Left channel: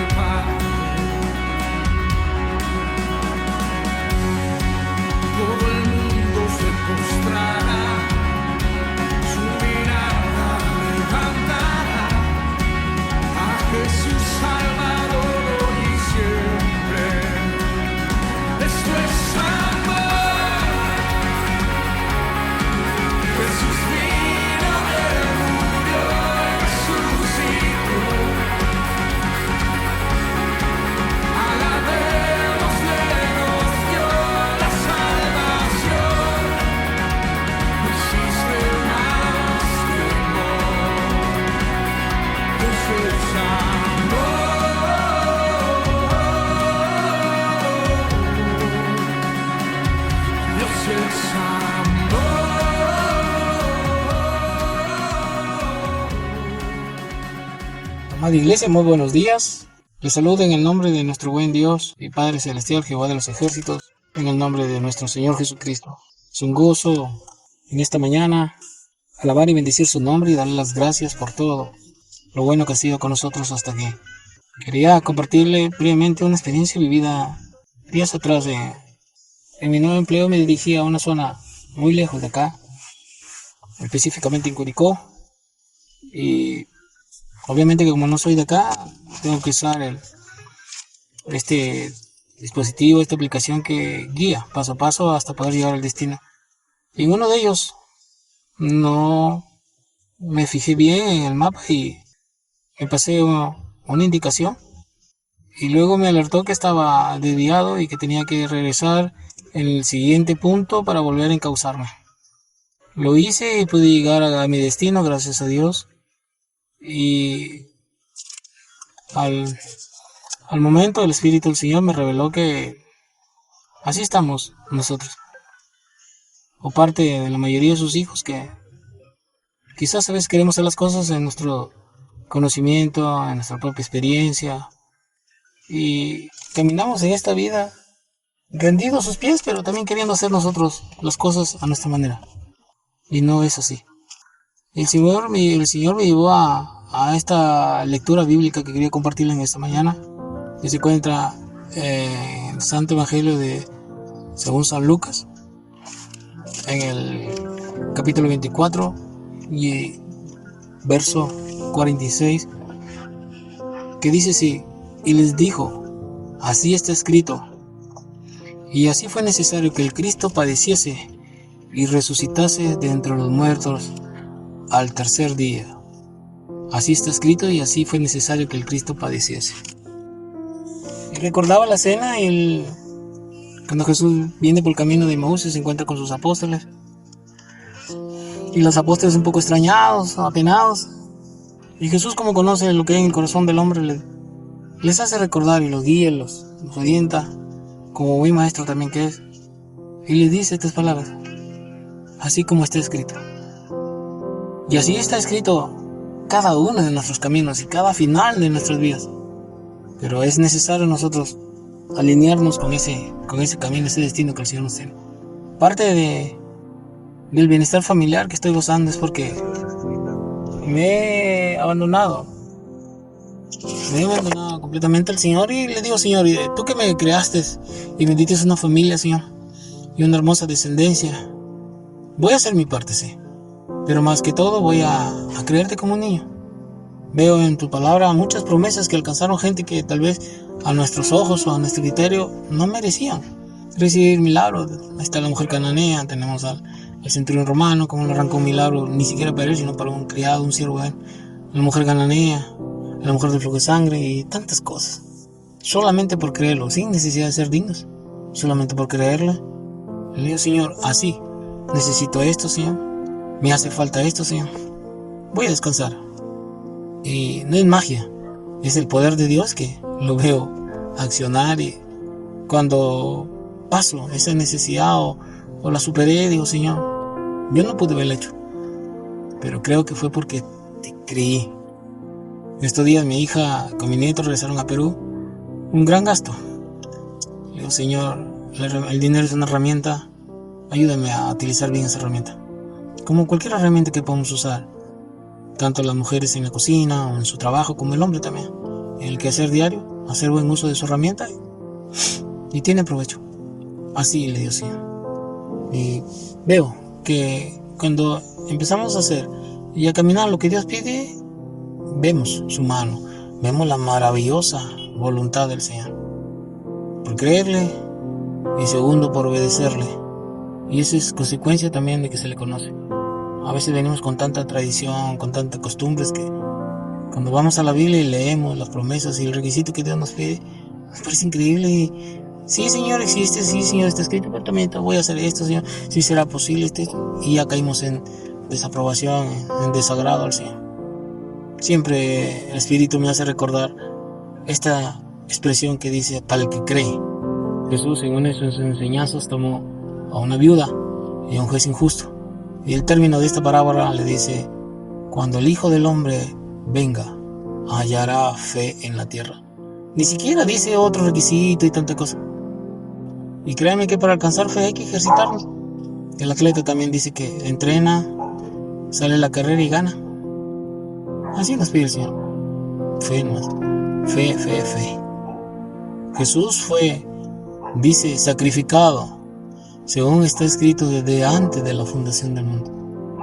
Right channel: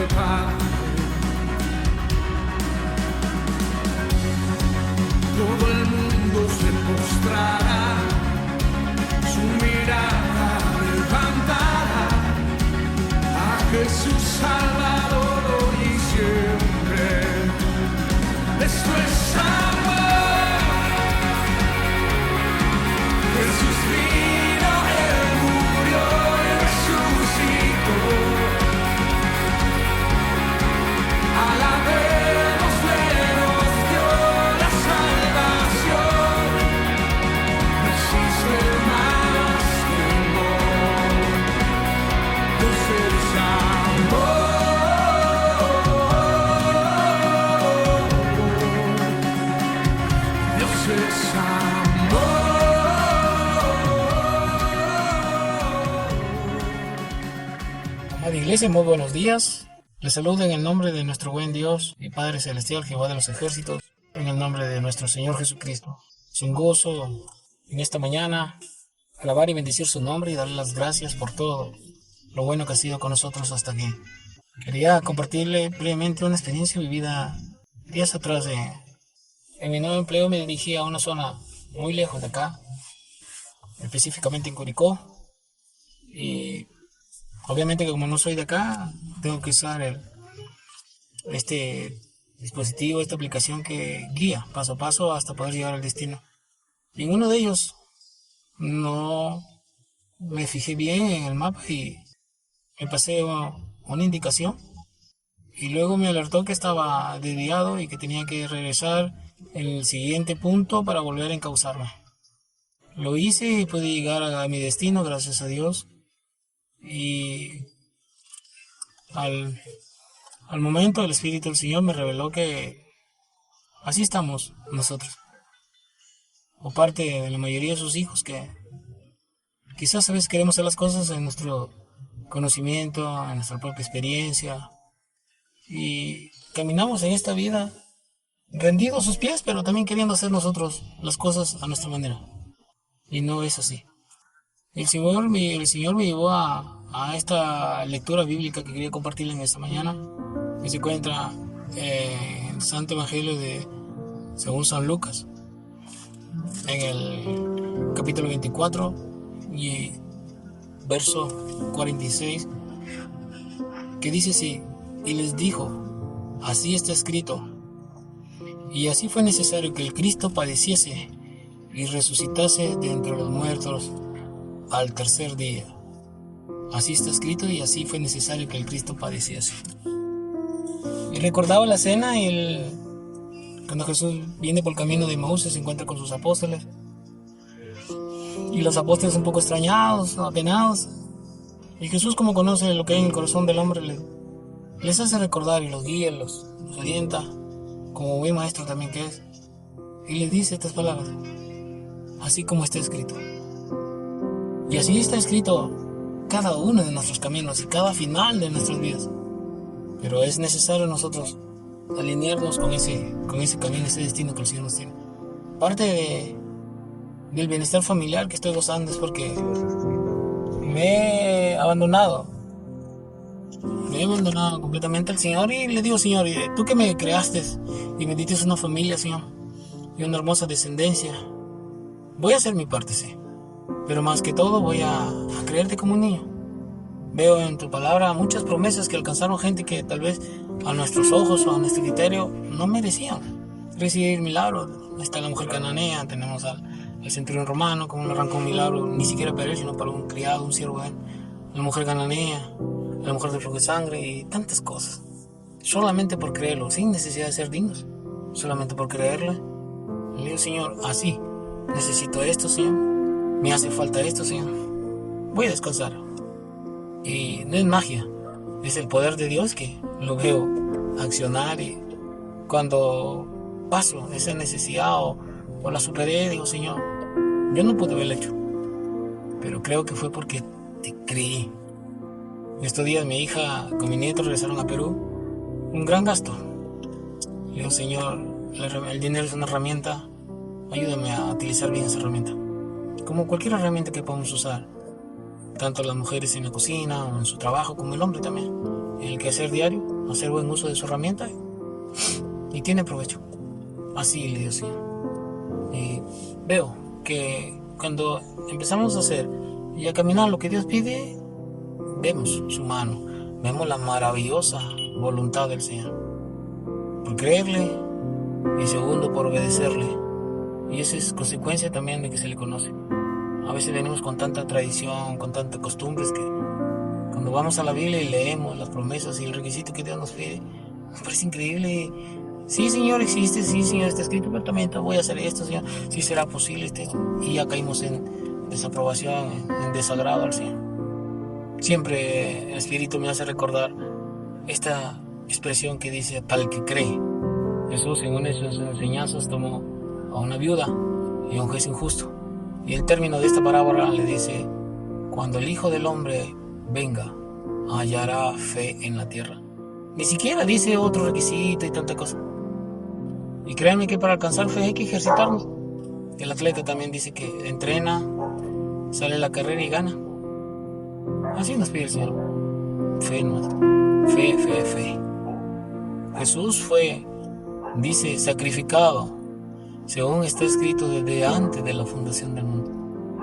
al Padre. Todo el mundo se postrará, su mirada levantará a Jesús Salvador hoy y siempre. Esto es amor. Jesús vino, Él murió y resucitó. Alabémosle, nos dio la salvación. No existe más que amor. Dios es amor. Dios es amor. Amada Iglesia, muy buenos días. Les saludo en el nombre de nuestro buen Dios y Padre Celestial, Jehová de los ejércitos, en el nombre de nuestro Señor Jesucristo. Es un gusto en esta mañana alabar y bendecir su nombre y darle las gracias por todo lo bueno que ha sido con nosotros hasta aquí. Quería compartirle brevemente una experiencia vivida días atrás. En mi nuevo empleo me dirigí a una zona muy lejos de acá, específicamente en Curicó, y obviamente que como no soy de acá, tengo que usar este dispositivo, esta aplicación que guía paso a paso hasta poder llegar al destino. Y en uno de ellos no me fijé bien en el mapa y me pasé una indicación. Y luego me alertó que estaba desviado y que tenía que regresar en el siguiente punto para volver a encauzarme. Lo hice y pude llegar a mi destino, gracias a Dios. Y al momento el Espíritu del Señor me reveló que así estamos nosotros, o parte de la mayoría de sus hijos, que quizás a veces queremos hacer las cosas en nuestro conocimiento, en nuestra propia experiencia, y caminamos en esta vida rendidos a sus pies, pero también queriendo hacer nosotros las cosas a nuestra manera, y no es así. El Señor me llevó a esta lectura bíblica que quería compartirles en esta mañana, que se encuentra en el Santo Evangelio según San Lucas, en el capítulo 24 y verso 46, que dice así: y les dijo, así está escrito, y así fue necesario que el Cristo padeciese y resucitase de entre los muertos al tercer día. Así está escrito y así fue necesario que el Cristo padeciese. Y recordaba la cena cuando Jesús viene por el camino de Emaús, se encuentra con sus apóstoles. Y los apóstoles un poco extrañados, apenados. Y Jesús, como conoce lo que hay en el corazón del hombre, les hace recordar y los guía, los orienta, como buen maestro también que es. Y les dice estas palabras: así como está escrito. Y así está escrito cada uno de nuestros caminos y cada final de nuestras vidas. Pero es necesario nosotros alinearnos con ese camino, ese destino que el Señor nos tiene. Parte del bienestar familiar que estoy gozando es porque me he abandonado completamente al Señor, y le digo: Señor, tú que me creaste y me diste una familia, Señor, y una hermosa descendencia, voy a hacer mi parte, sí, pero más que todo voy a creerte como un niño. Veo en tu palabra muchas promesas que alcanzaron gente que tal vez a nuestros ojos o a nuestro criterio no merecían recibir milagros. Ahí está la mujer cananea, tenemos al centurión romano, como no arrancó un milagro ni siquiera para él, sino para un criado, un siervo de él. La mujer cananea, la mujer de flujo de sangre y tantas cosas. Solamente por creerlo, sin necesidad de ser dignos, solamente por creerle. Le digo: Señor, así, necesito esto, Señor, me hace falta esto, Señor, voy a descansar. Y no es magia, es el poder de Dios que lo veo accionar, y cuando paso esa necesidad o la superé, digo: Señor, yo no pude haberlo hecho, pero creo que fue porque te creí. En estos días mi hija con mi nieto regresaron a Perú, un gran gasto. Le digo: Señor, el dinero es una herramienta, ayúdame a utilizar bien esa herramienta, como cualquier herramienta que podamos usar, tanto las mujeres en la cocina o en su trabajo, como el hombre también, en el quehacer diario. hacer buen uso de su herramienta y tiene provecho. Así le dio Señor. Y veo que cuando empezamos a hacer y a caminar lo que Dios pide, vemos su mano, vemos la maravillosa voluntad del Señor. Por creerle y segundo por obedecerle. Y eso es consecuencia también de que se le conoce. A veces venimos con tanta tradición, con tantas costumbres que cuando vamos a la Biblia y leemos las promesas y el requisito que Dios nos pide, nos parece increíble. Y, sí, Señor, existe, sí, Señor, está escrito, pero también voy a hacer esto, Señor, sí será posible. Y ya caímos en desaprobación, en desagrado al Señor. Siempre el Espíritu me hace recordar esta expresión que dice, para el que cree. Jesús en una de sus enseñanzas tomó a una viuda y a un juez injusto. Y el término de esta parábola le dice, cuando el Hijo del Hombre venga, hallará fe en la tierra. Ni siquiera dice otro requisito y tanta cosa. Y créanme que para alcanzar fe hay que ejercitarnos. El atleta también dice que entrena, sale a la carrera y gana. Así nos pide el Señor. Fe nomás. Fe, fe, fe. Jesús fue, dice, sacrificado, según está escrito desde antes de la fundación del mundo.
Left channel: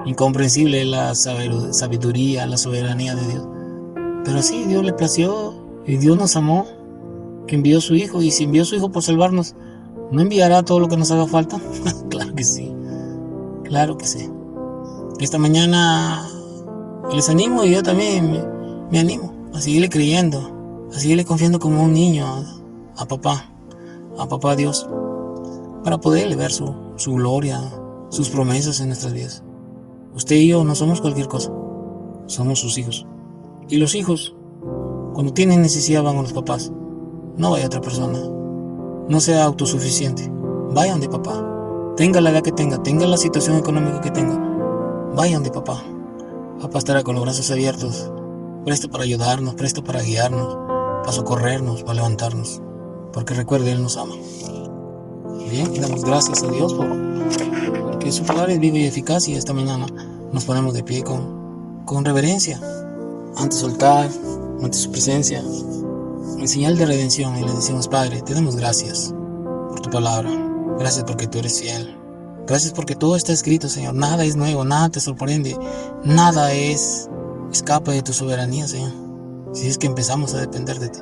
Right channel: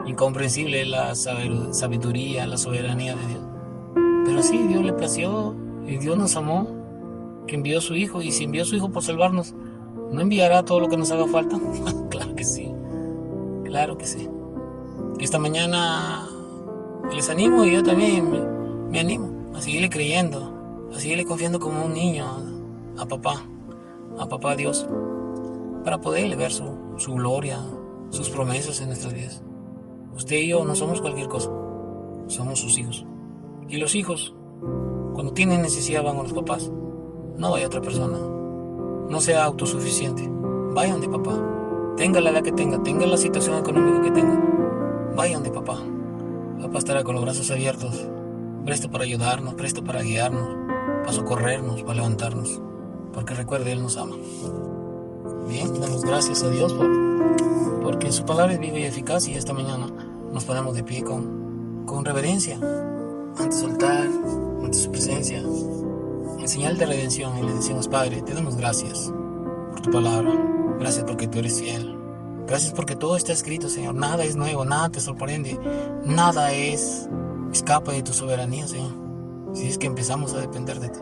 Incomprensible es la sabiduría, la soberanía de Dios. Pero sí, Dios le plació y Dios nos amó, que envió a su Hijo. Y si envió a su Hijo por salvarnos, ¿no enviará todo lo que nos haga falta? Claro que sí, claro que sí. Esta mañana les animo y yo también me animo a seguirle creyendo, a seguirle confiando como un niño a papá Dios, para poderle ver su gloria, sus promesas en nuestras vidas. Usted y yo no somos cualquier cosa, somos sus hijos. Y los hijos, cuando tienen necesidad, van a los papás. No vaya a otra persona. No sea autosuficiente. Vaya donde papá. Tenga la edad que tenga la situación económica que tenga. Vaya donde papá. Papá estará con los brazos abiertos, presto para ayudarnos, presto para guiarnos, para socorrernos, para levantarnos. Porque recuerde, Él nos ama. Bien, damos gracias a Dios porque su palabra es viva y eficaz, y esta mañana nos ponemos de pie con reverencia ante su altar, ante su presencia, en señal de redención, y le decimos: Padre, te damos gracias por tu palabra, gracias porque tú eres fiel, gracias porque todo está escrito, Señor. Nada es nuevo, nada te sorprende, nada escapa de tu soberanía, Señor, si es que empezamos a depender de ti.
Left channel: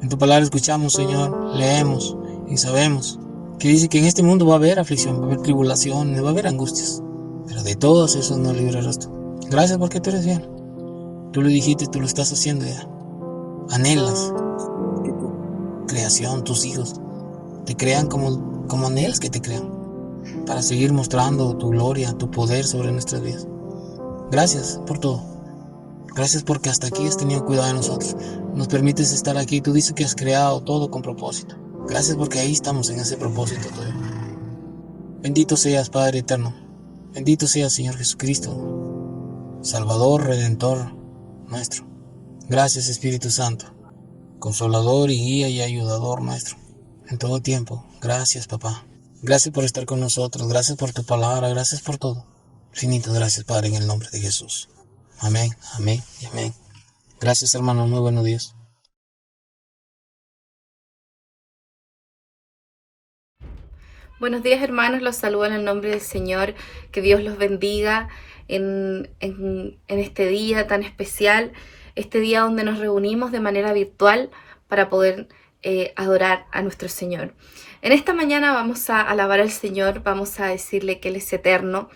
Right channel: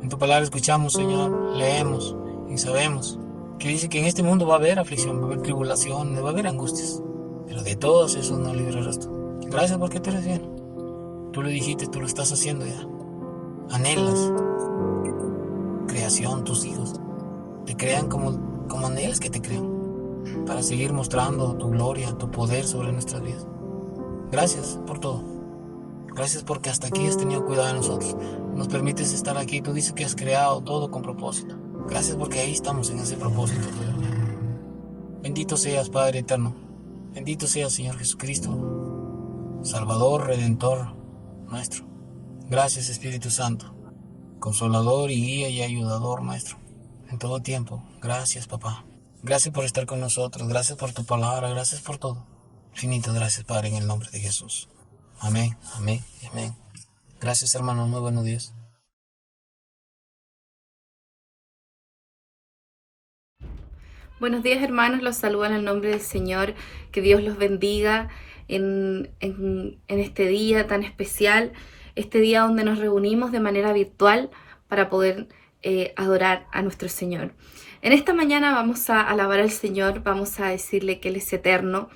En tu palabra escuchamos, Señor, leemos y sabemos que dice que en este mundo va a haber aflicción, va a haber tribulación, va a haber angustias, pero de todos esos nos librarás tú. Gracias porque tú eres fiel. Tú lo dijiste, tú lo estás haciendo ya. Anhelas que tu creación, tus hijos, te crean como anhelas que te crean, para seguir mostrando tu gloria, tu poder sobre nuestras vidas. Gracias por todo. Gracias porque hasta aquí has tenido cuidado de nosotros. Nos permites estar aquí. Tú dices que has creado todo con propósito. Gracias porque ahí estamos en ese propósito. Bendito seas, Padre eterno. Bendito seas, Señor Jesucristo, Salvador, Redentor nuestro. Gracias, Espíritu Santo, Consolador y guía y ayudador nuestro en todo tiempo. Gracias, Papá. Gracias por estar con nosotros. Gracias por tu palabra. Gracias por todo. Infinitas gracias, Padre, en el nombre de Jesús. Amén, amén y amén. Gracias, hermano. Muy buenos días. Buenos días, hermanos, los saludo en el nombre del Señor. Que Dios los bendiga en este día tan especial, este día donde nos reunimos de manera virtual para poder adorar a nuestro Señor. En esta mañana vamos a alabar al Señor, vamos a decirle que Él es eterno,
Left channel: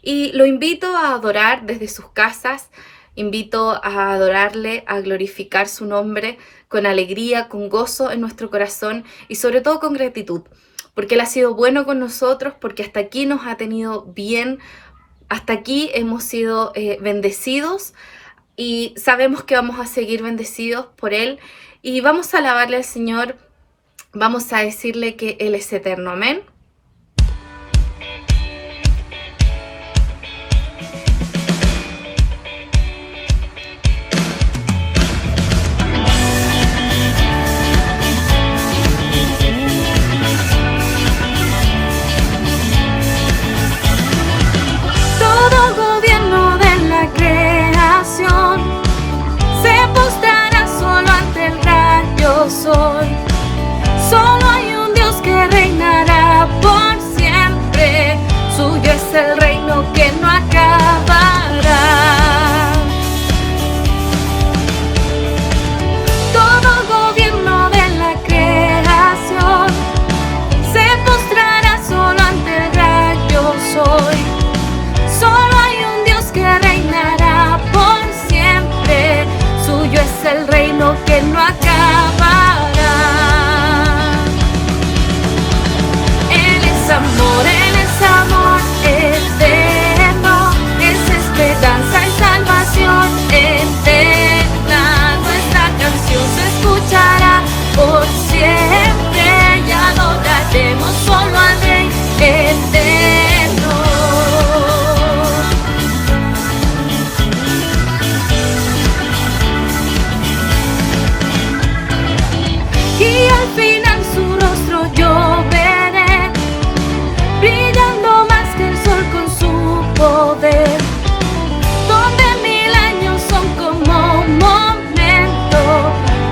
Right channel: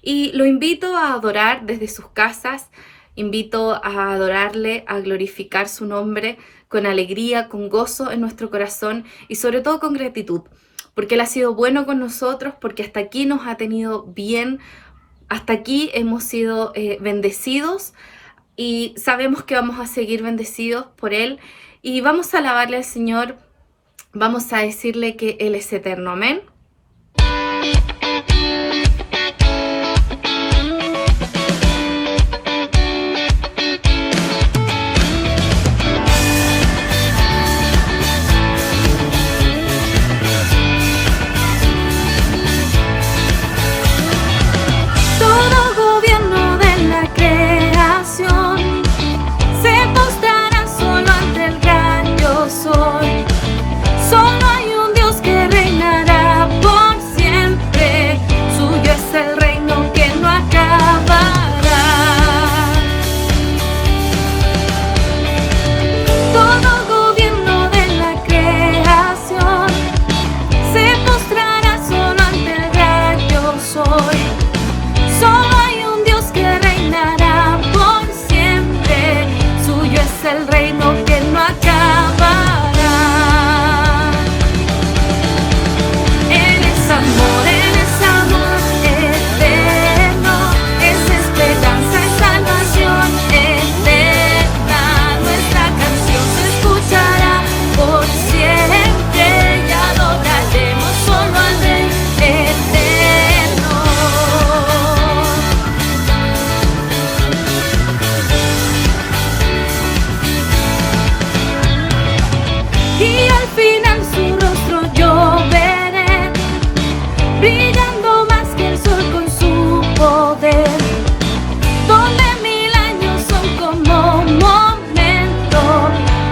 y lo invito a adorar desde sus casas. Invito a adorarle, a glorificar su nombre con alegría, con gozo en nuestro corazón y sobre todo con gratitud, porque Él ha sido bueno con nosotros, porque hasta aquí nos ha tenido bien, hasta aquí hemos sido bendecidos y sabemos que vamos a seguir bendecidos por Él, y vamos a alabarle al Señor, vamos a decirle que Él es eterno. Amén. Se postrará solo ante el gran yo soy.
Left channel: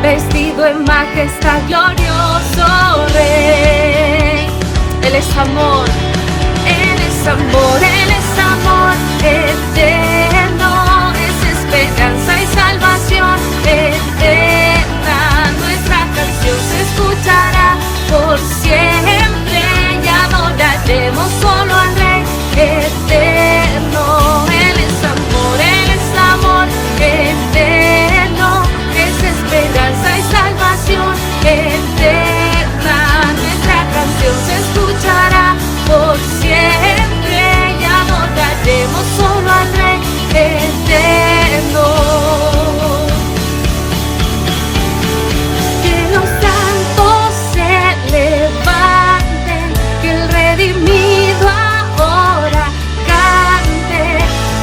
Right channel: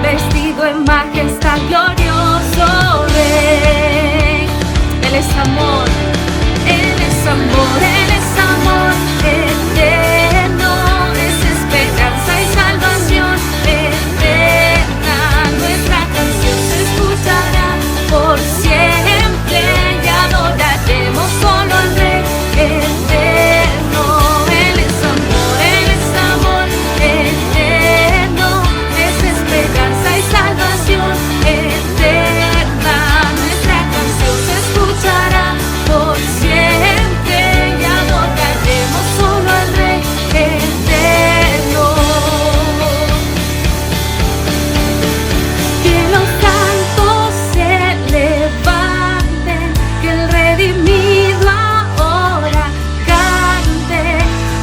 vestido en majestad, glorioso Rey. Él es amor, Él es amor, Él es amor eterno, es esperanza y salvación eterna. Nuestra canción se escuchará por siempre y adoraremos solo al Rey eterno. Él es amor eterno, es esperanza y salvación eterna. Nuestra canción se escuchará por siempre y adoraremos solo al Rey eterno. Que los santos se levanten, que el redimido ahora cante.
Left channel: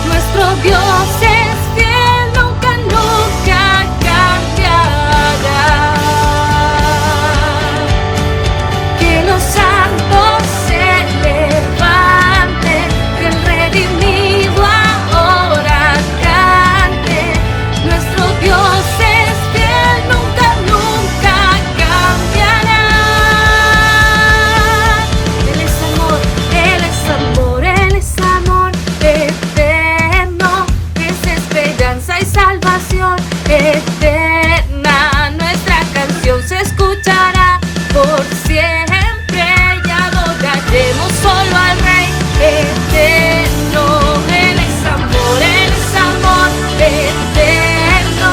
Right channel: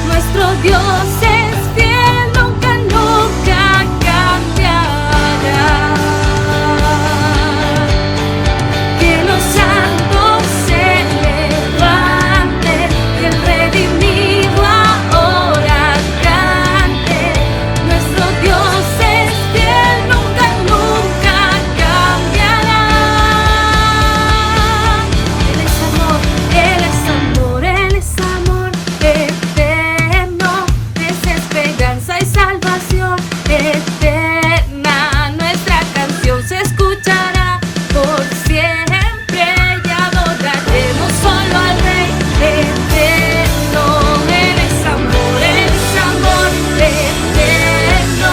Nuestro Dios es fiel, nunca, nunca cambiará. Que los santos se levanten, que el redimido ahora cante. Nuestro Dios es fiel, nunca, nunca cambiará. Él es amor, Él es amor, Él es amor eterno, es esperanza y salvación eterna. Nuestra canción se escuchará por siempre y adoraremos solo al Rey eterno. Él es amor eterno,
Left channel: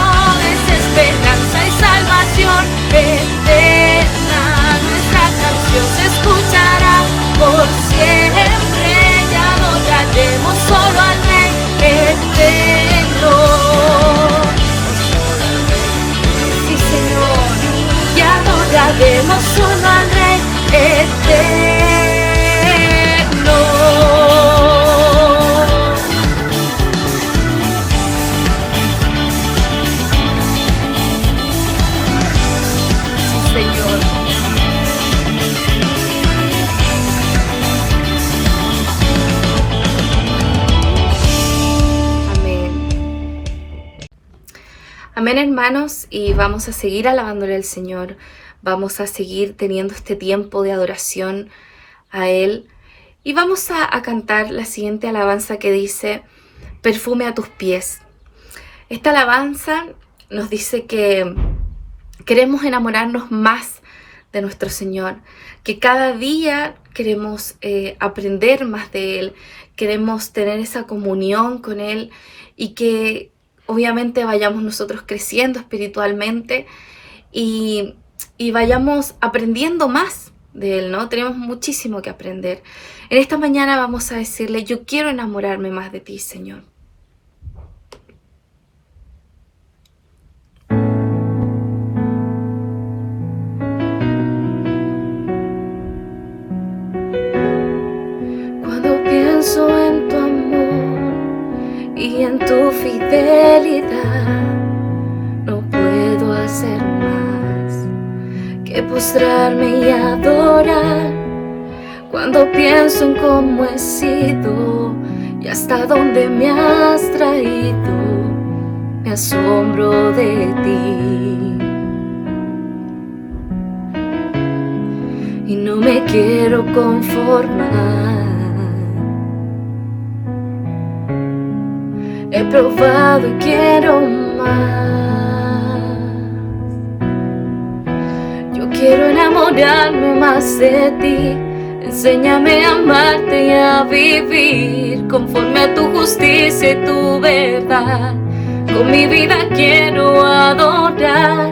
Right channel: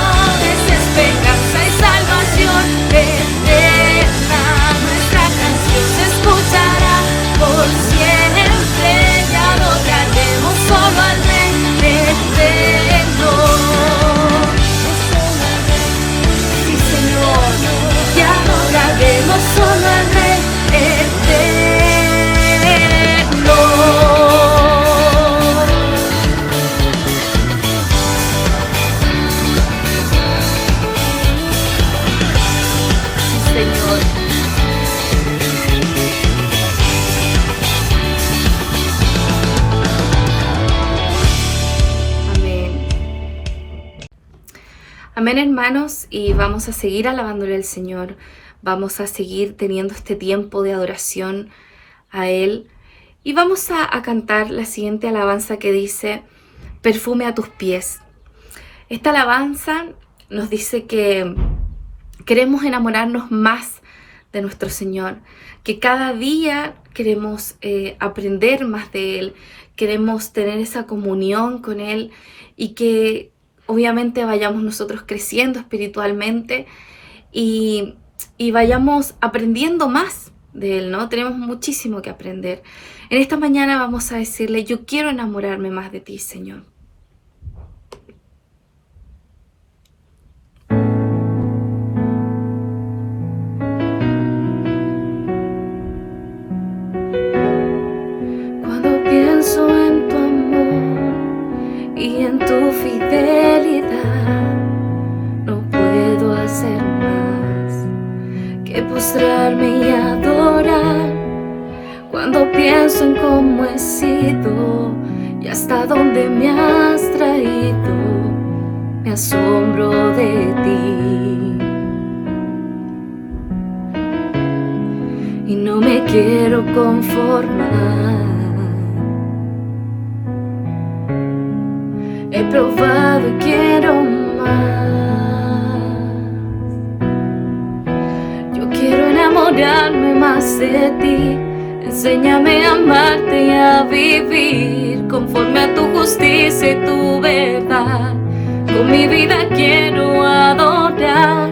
es esperanza y salvación eterna. Nuestra canción se escuchará por siempre y adoraremos solo al Rey eterno. Sí, Señor, y adoraremos solo al Rey eterno. Sí, Señor. Amén. Amén, hermanos, y vamos a seguir alabándole al Señor. Vamos a seguir teniendo este tiempo de adoración a Él. Y vamos a cantar la siguiente alabanza que dice: perfume a tus pies. Esta alabanza nos dice que queremos enamorarnos más de nuestro Señor, que cada día queremos aprender más de Él, queremos tener esa comunión con Él y que obviamente vayamos nosotros creciendo espiritualmente y vayamos aprendiendo más de Él, ¿no? Tenemos muchísimo que aprender. En esta mañana vamos a decirle: yo quiero enamorarme más de ti, Señor. Cuando pienso en tu amor y en tu fidelidad, no puedo hacer más que postrarme y adorar. Cuando pienso en cómo he sido y hasta dónde me has traído, me asombro de ti. Y no me quiero conformar. He probado y quiero más. Yo quiero enamorarme más de ti. Enséñame a amarte y a vivir conforme a tu justicia y tu verdad. Con mi vida quiero adorar.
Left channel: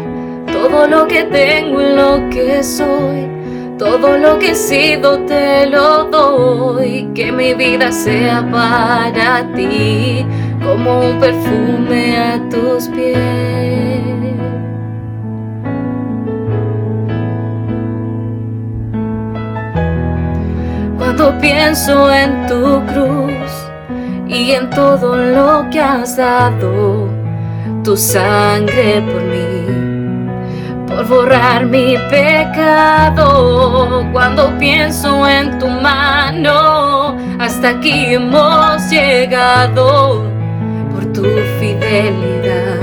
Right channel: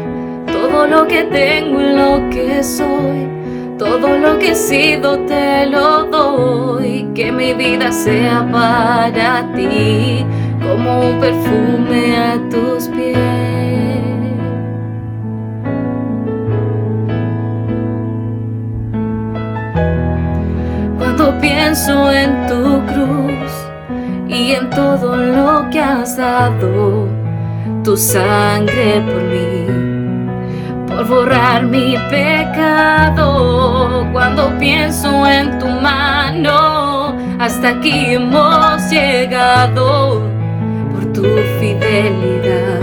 Todo lo que tengo y lo que soy, todo lo que he sido te lo doy. Que mi vida sea para ti como un perfume a tus pies. Cuando pienso en tu cruz y en todo lo que has dado, tu sangre por mí, por borrar mi pecado. Cuando pienso en tu mano, hasta aquí hemos llegado por tu fidelidad.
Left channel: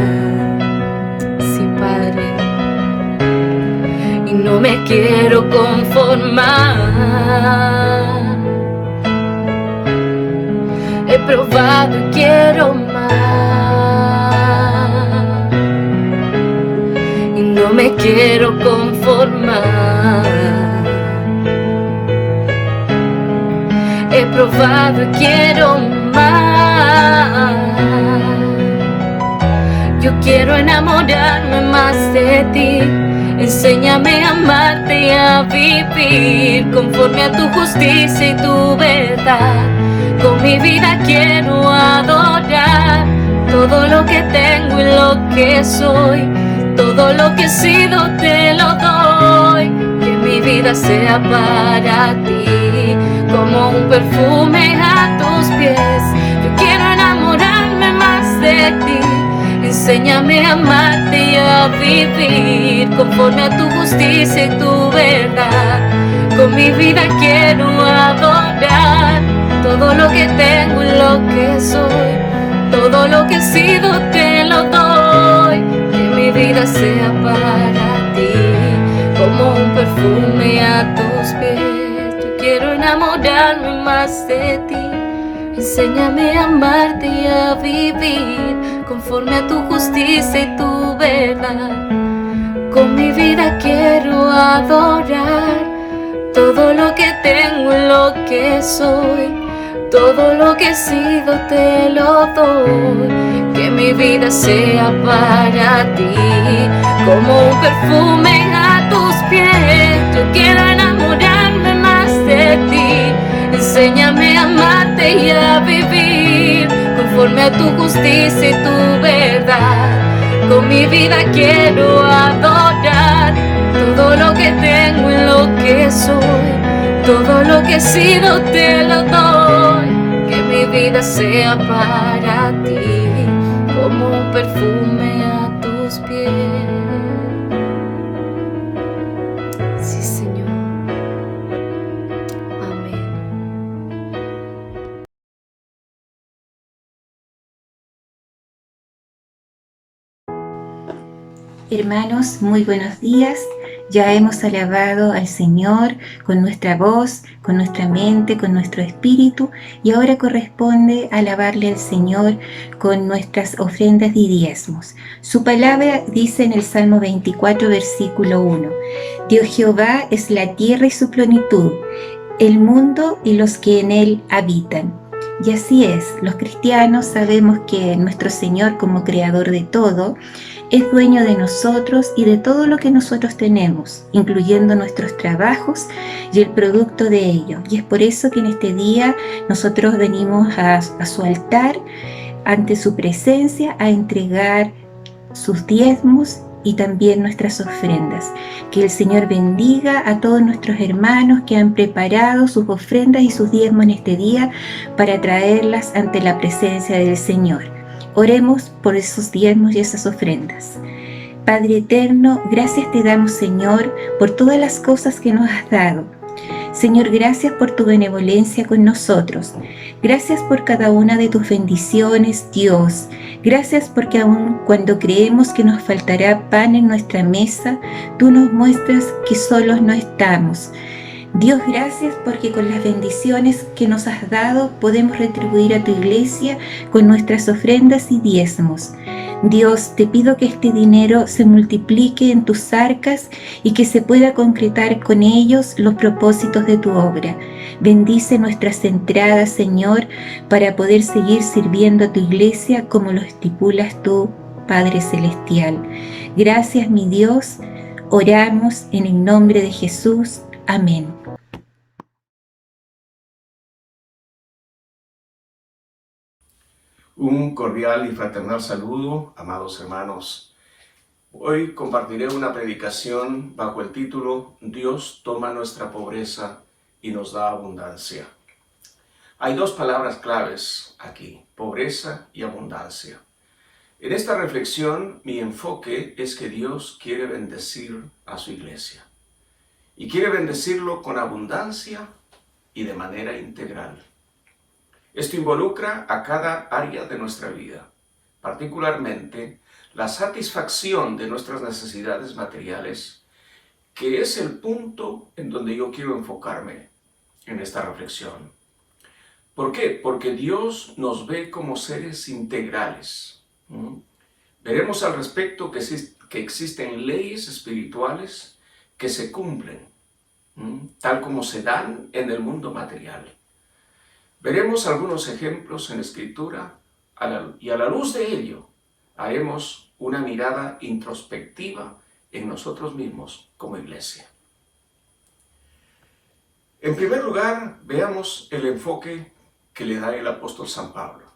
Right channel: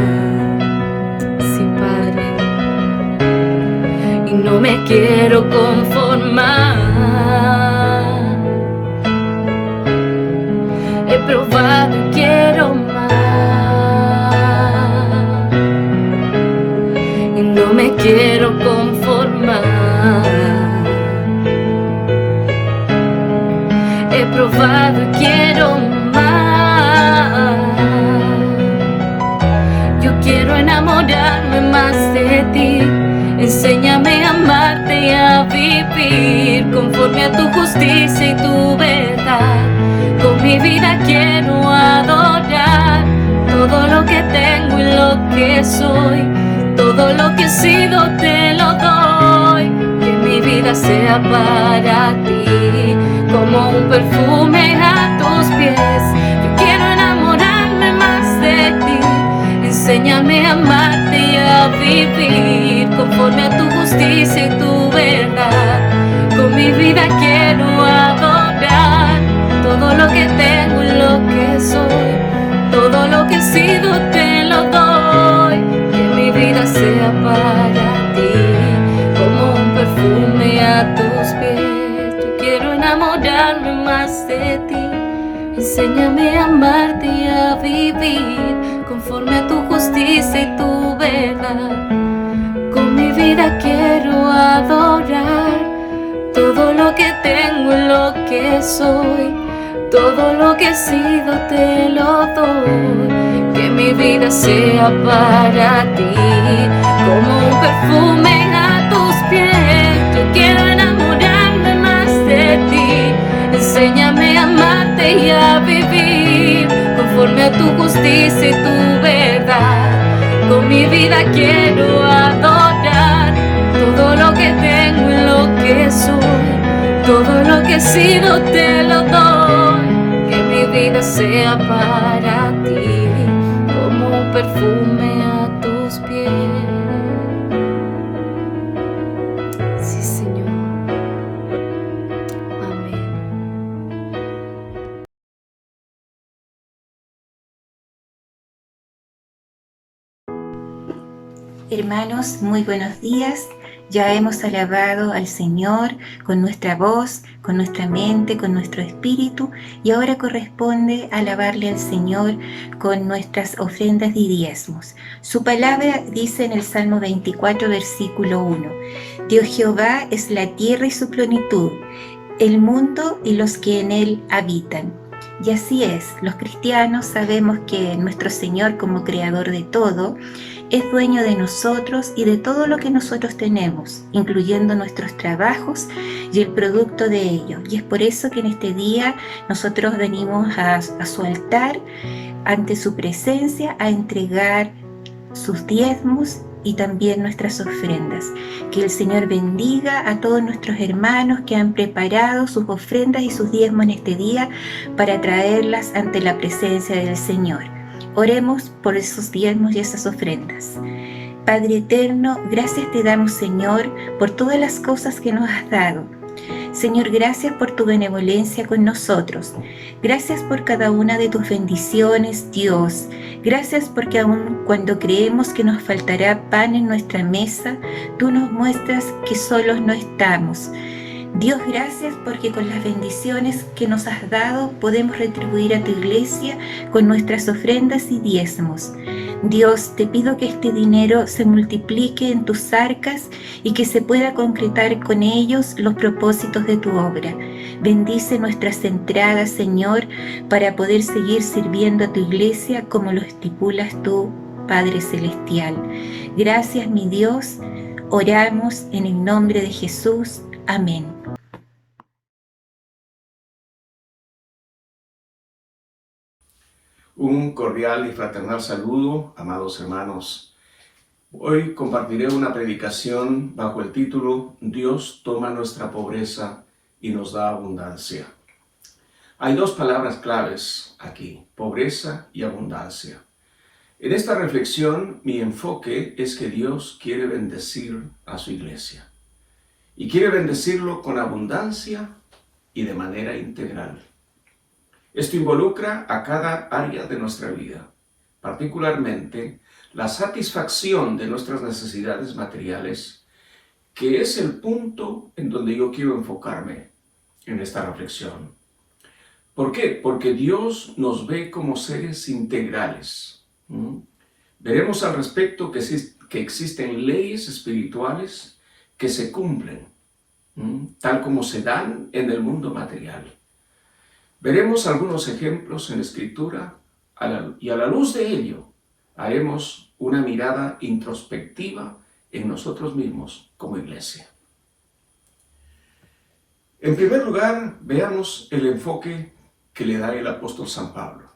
Sí, Padre. no me quiero conformar. He probado y quiero más, y no me quiero conformar. He probado y quiero más. Yo quiero enamorarme más de ti. Enséñame a amarte y a vivir conforme a tu justicia y tu verdad. Con mi vida quiero adorar todo lo que tengo y lo que soy. Todo lo que he sido te lo doy. Que mi vida sea para ti, como un perfume a tus pies. Yo quiero enamorarme más de ti. Enséñame a amarte y a vivir conforme a tu justicia y tu verdad. Con mi vida quiero adorar todo lo que tengo y lo que soy. Todo lo que he sido te lo doy. Que mi vida sea para ti, como un perfume a tus pies. Yo quiero enamorarme más de ti. Enséñame a amarte y a vivir conforme a tu justicia y tu verdad. Con mi vida quiero adorar todo lo que tengo y lo que soy. Todo lo que he sido te lo doy. Que mi vida sea para ti, como un perfume a tus pies. Yo quiero enamorarme más de ti. Enséñame a amarte y a vivir conforme a tu justicia y tu verdad. Con mi vida quiero adorar todo lo que tengo y lo que soy. Todo lo que he sido te lo doy. Que mi vida sea para ti, como un perfume a tus pies. Sí, Señor. Amén. Hermanos, muy buenos días. Ya hemos alabado al Señor con nuestra voz, con nuestra mente, con nuestro espíritu, y ahora corresponde alabarle al Señor con nuestras ofrendas y diezmos. Su palabra dice en el Salmo 24, versículo 1: Dios Jehová es la tierra y su plenitud, el mundo y los que en él habitan. Y así es, los cristianos sabemos que nuestro Señor, como creador de todo, es dueño de nosotros y de todo lo que nosotros tenemos, incluyendo nuestros trabajos y el producto de ellos. Y es por eso que en este día nosotros venimos a su altar, ante su presencia, a entregar sus diezmos y también nuestras ofrendas. Que el Señor bendiga a todos nuestros hermanos que han preparado sus ofrendas y sus diezmos en este día para traerlas ante la presencia del Señor. Oremos por esos diezmos y esas ofrendas. Padre eterno, gracias te damos, Señor, por todas las cosas que nos has dado. Señor, gracias por tu benevolencia con nosotros. Gracias por cada una de tus bendiciones, Dios. Gracias porque aun cuando creemos que nos faltará pan en nuestra mesa, tú nos muestras que solos no estamos. Dios, gracias porque con las bendiciones que nos has dado podemos retribuir a tu iglesia con nuestras ofrendas y diezmos. Dios, te pido que este dinero se multiplique en tus arcas y que se pueda concretar con ellos los propósitos de tu obra. Bendice nuestras entradas, Señor, para poder seguir sirviendo a tu iglesia como lo estipulas tú, Padre Celestial. Gracias, mi Dios. Oramos en el nombre de Jesús. Amén. Un cordial y fraternal saludo, amados hermanos. Hoy compartiré una predicación bajo el título Dios toma nuestra pobreza y nos da abundancia. Hay dos palabras claves aquí, pobreza y abundancia. En esta reflexión, mi enfoque es que Dios quiere bendecir a su iglesia. Y quiere bendecirlo con abundancia y de manera integral. Esto involucra a cada área de nuestra vida, particularmente la satisfacción de nuestras necesidades materiales que es el punto en donde yo quiero enfocarme en esta reflexión. ¿Por qué? Porque Dios nos ve como seres integrales. Veremos al respecto que existen leyes espirituales que se cumplen, tal como se dan en el mundo material. Veremos algunos ejemplos en la Escritura y a la luz de ello haremos una mirada introspectiva en nosotros mismos como iglesia. En primer lugar, veamos el enfoque que le da el apóstol San Pablo.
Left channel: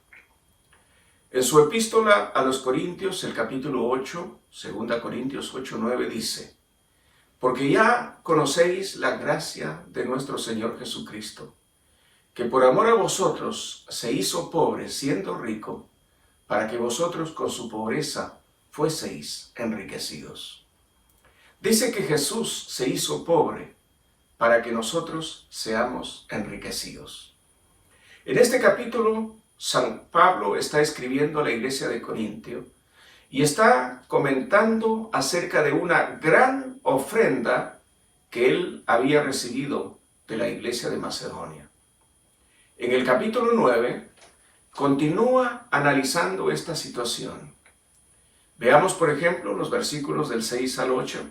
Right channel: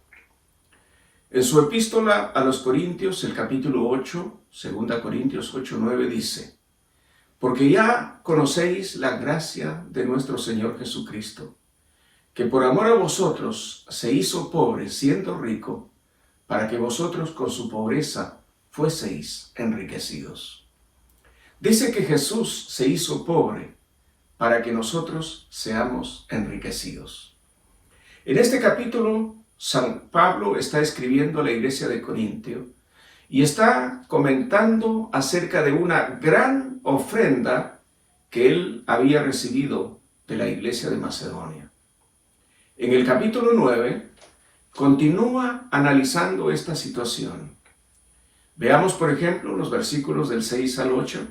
En su epístola a los Corintios, el capítulo 8, 2 Corintios 8:9 dice: porque ya conocéis la gracia de nuestro Señor Jesucristo, que por amor a vosotros se hizo pobre siendo rico, para que vosotros con su pobreza fueseis enriquecidos. Dice que Jesús se hizo pobre para que nosotros seamos enriquecidos. En este capítulo, San Pablo está escribiendo a la iglesia de Corintio y está comentando acerca de una gran ofrenda que él había recibido de la iglesia de Macedonia. En el capítulo 9, continúa analizando esta situación. Veamos, por ejemplo, los versículos del 6 al 8.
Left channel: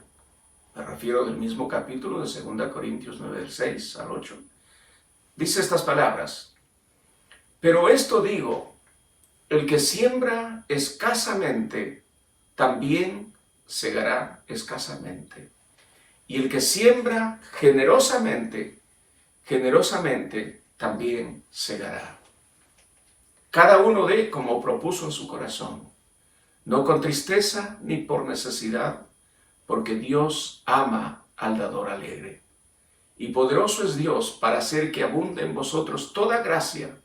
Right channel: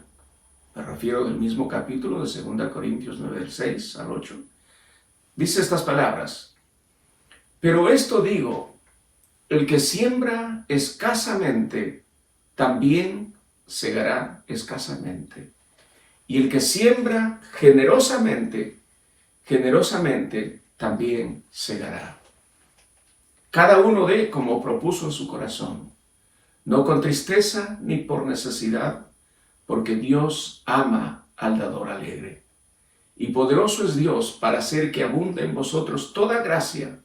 Me refiero del mismo capítulo de 2 Corintios 9, del 6 al 8. Dice estas palabras: pero esto digo, el que siembra escasamente, también segará escasamente. Y el que siembra generosamente, generosamente también segará. Cada uno dé como propuso en su corazón, no con tristeza ni por necesidad, porque Dios ama al dador alegre. Y poderoso es Dios para hacer que abunde en vosotros toda gracia,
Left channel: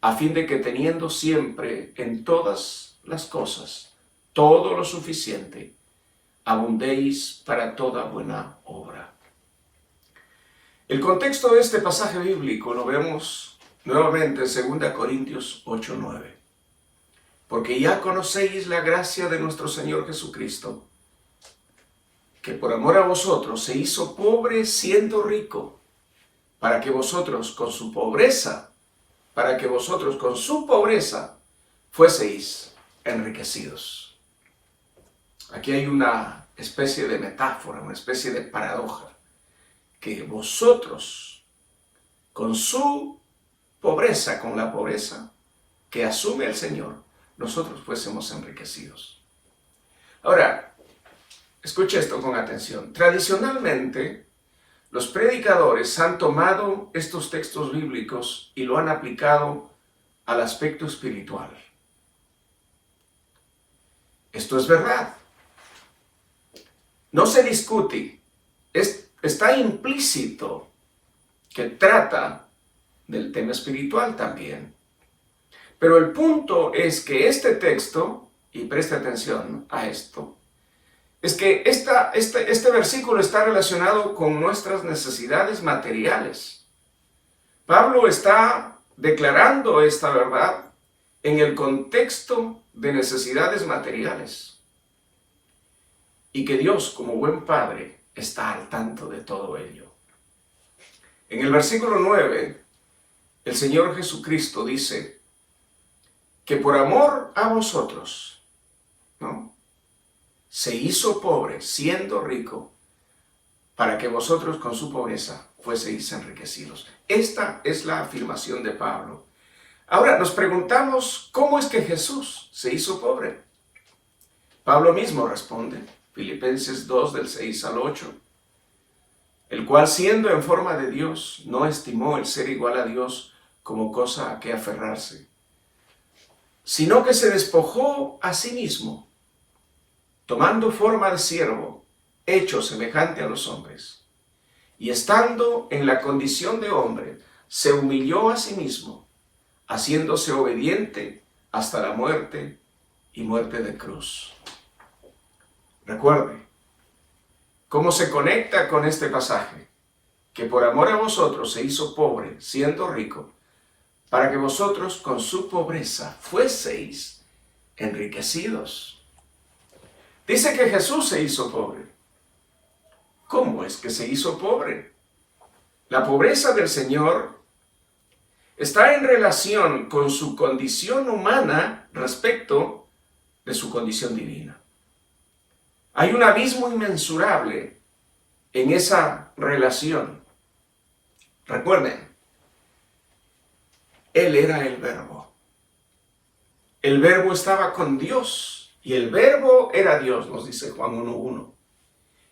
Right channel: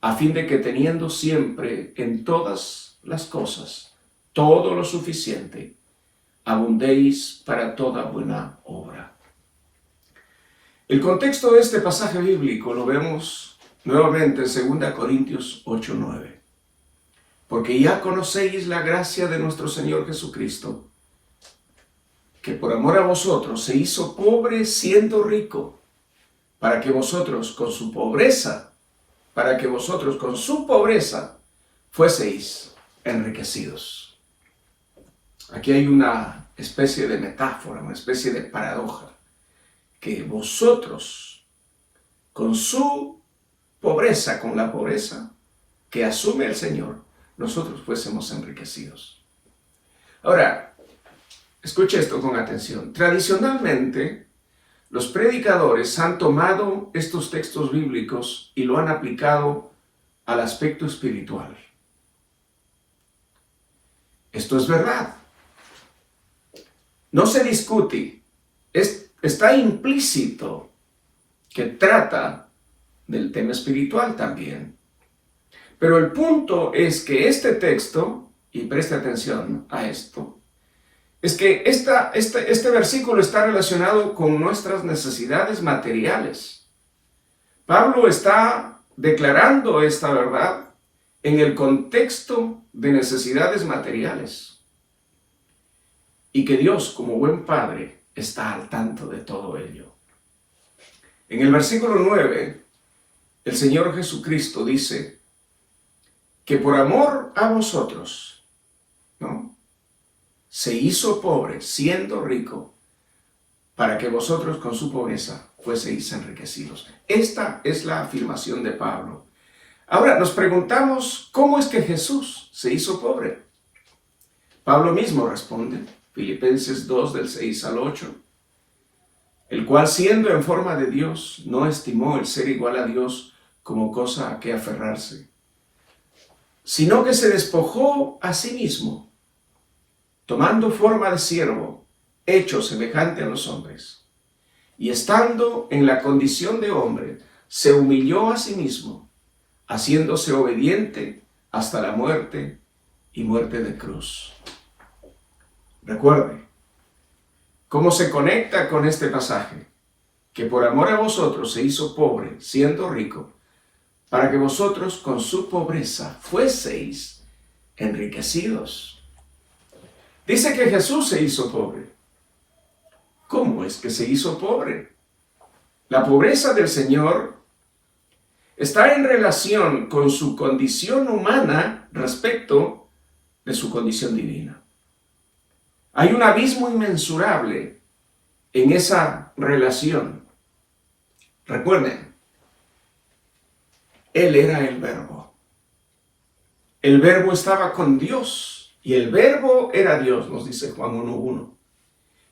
a fin de que teniendo siempre en todas las cosas todo lo suficiente, abundéis para toda buena obra. El contexto de este pasaje bíblico lo vemos nuevamente en 2 Corintios 8:9. Porque ya conocéis la gracia de nuestro Señor Jesucristo, que por amor a vosotros se hizo pobre siendo rico, para que vosotros con su pobreza fueseis enriquecidos. Aquí hay una especie de metáfora, una especie de paradoja, que vosotros con su pobreza, con la pobreza que asume el Señor, nosotros fuésemos enriquecidos. Ahora, escuche esto con atención. Tradicionalmente, los predicadores han tomado estos textos bíblicos y lo han aplicado al aspecto espiritual. Esto es verdad. No se discute. Está implícito que trata del tema espiritual también. Pero el punto es que este texto, y preste atención a esto, es que este versículo está relacionado con nuestras necesidades materiales. Pablo está declarando esta verdad en el contexto de necesidades materiales. Y que Dios, como buen Padre, está al tanto de todo ello. En el versículo 9, el Señor Jesucristo dice que por amor a vosotros, ¿no?, se hizo pobre siendo rico, para que vosotros con su pobreza fueseis enriquecidos. Esta es la afirmación de Pablo. Ahora nos preguntamos, ¿cómo es que Jesús se hizo pobre? Pablo mismo responde, Filipenses 2, del 6 al 8, el cual siendo en forma de Dios, no estimó el ser igual a Dios como cosa a que aferrarse, sino que se despojó a sí mismo, tomando forma de siervo, hecho semejante a los hombres, y estando en la condición de hombre, se humilló a sí mismo, haciéndose obediente hasta la muerte y muerte de cruz. Recuerde, ¿cómo se conecta con este pasaje? Que por amor a vosotros se hizo pobre, siendo rico, para que vosotros con su pobreza fueseis enriquecidos. Dice que Jesús se hizo pobre. ¿Cómo es que se hizo pobre? La pobreza del Señor está en relación con su condición humana respecto de su condición divina. Hay un abismo inmensurable en esa relación. Recuerden, Él era el Verbo. El Verbo estaba con Dios y el Verbo era Dios, nos dice Juan 1:1.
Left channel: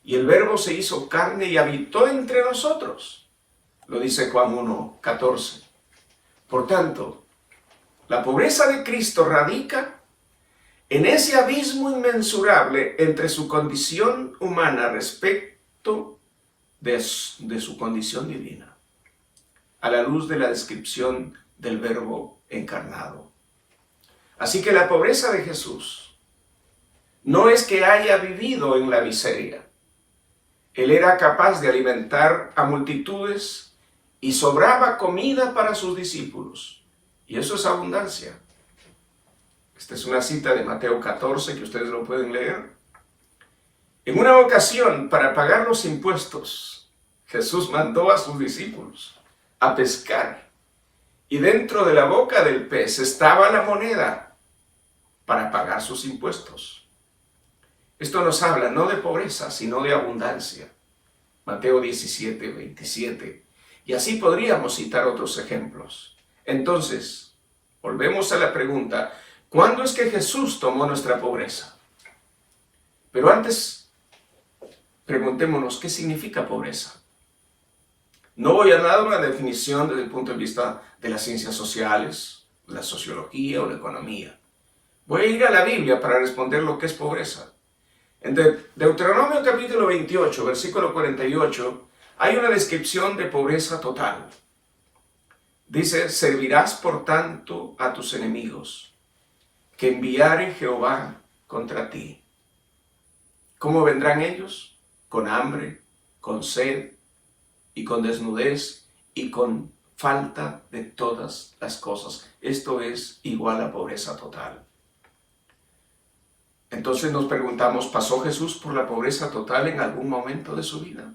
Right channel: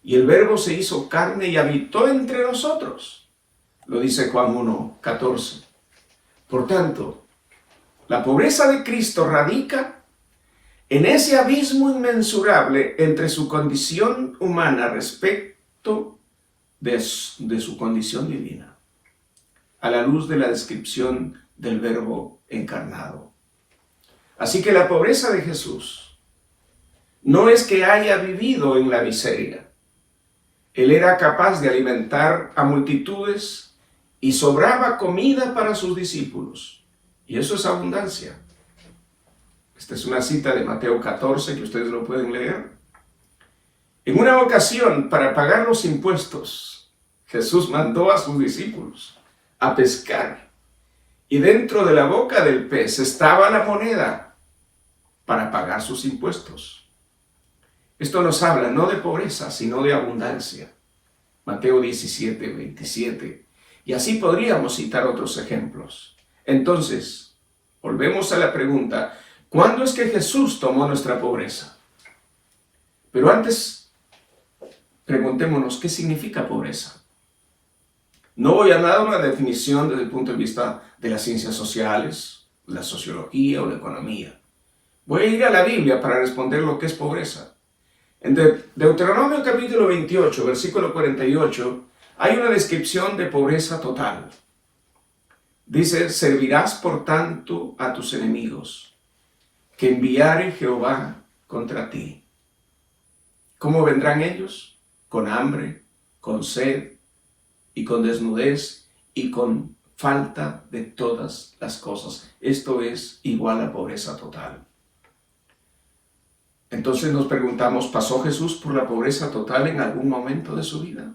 Y el Verbo se hizo carne y habitó entre nosotros, lo dice Juan 1:14. Por tanto, la pobreza de Cristo radica en ese abismo inmensurable entre su condición humana respecto de su condición divina, a la luz de la descripción del Verbo encarnado. Así que la pobreza de Jesús no es que haya vivido en la miseria. Él era capaz de alimentar a multitudes y sobraba comida para sus discípulos. Y eso es abundancia. Esta es una cita de Mateo 14 que ustedes lo pueden leer. En una ocasión, para pagar los impuestos, Jesús mandó a sus discípulos a pescar. Y dentro de la boca del pez estaba la moneda para pagar sus impuestos. Esto nos habla no de pobreza, sino de abundancia. Mateo 17:27. Y así podríamos citar otros ejemplos. Entonces, volvemos a la pregunta, ¿cuándo es que Jesús tomó nuestra pobreza? Pero antes, preguntémonos, ¿qué significa pobreza? No voy a dar una definición desde el punto de vista de las ciencias sociales, la sociología o la economía. Voy a ir a la Biblia para responder lo que es pobreza. En Deuteronomio capítulo 28, versículo 48, hay una descripción de pobreza total. Dice, servirás por tanto a tus enemigos, que enviare Jehová contra ti. ¿Cómo vendrán ellos? Con hambre, con sed y con desnudez y con falta de todas las cosas. Esto es igual a pobreza total. Entonces nos preguntamos, ¿pasó Jesús por la pobreza total en algún momento de su vida?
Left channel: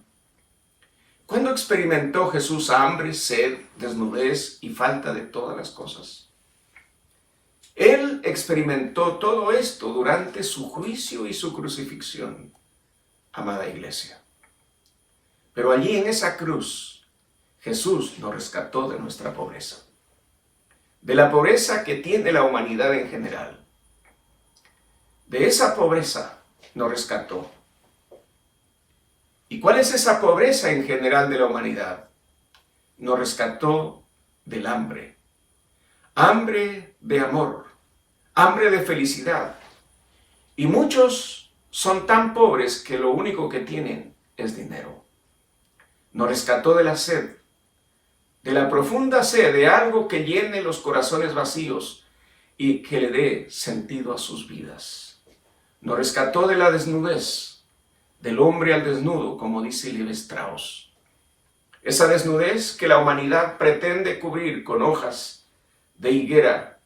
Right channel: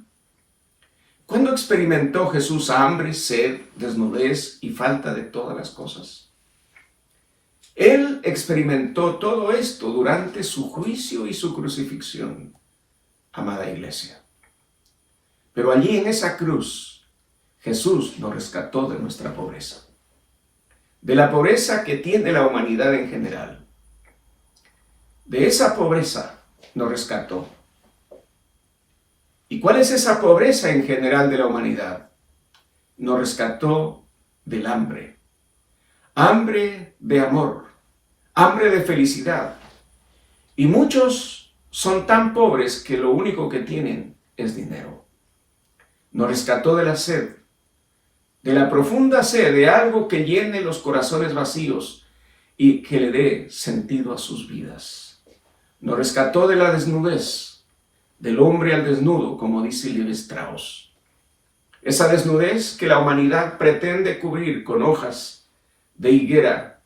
¿Cuándo experimentó Jesús hambre, sed, desnudez y falta de todas las cosas? Él experimentó todo esto durante su juicio y su crucifixión, amada iglesia. Pero allí en esa cruz, Jesús nos rescató de nuestra pobreza, de la pobreza que tiene la humanidad en general. De esa pobreza nos rescató. ¿Y cuál es esa pobreza en general de la humanidad? Nos rescató del hambre. Hambre de amor, hambre de felicidad. Y muchos son tan pobres que lo único que tienen es dinero. Nos rescató de la sed, de la profunda sed de algo que llene los corazones vacíos y que le dé sentido a sus vidas. Nos rescató de la desnudez, del hombre al desnudo, como dice Levi Strauss. Esa desnudez que la humanidad pretende cubrir con hojas de higuera,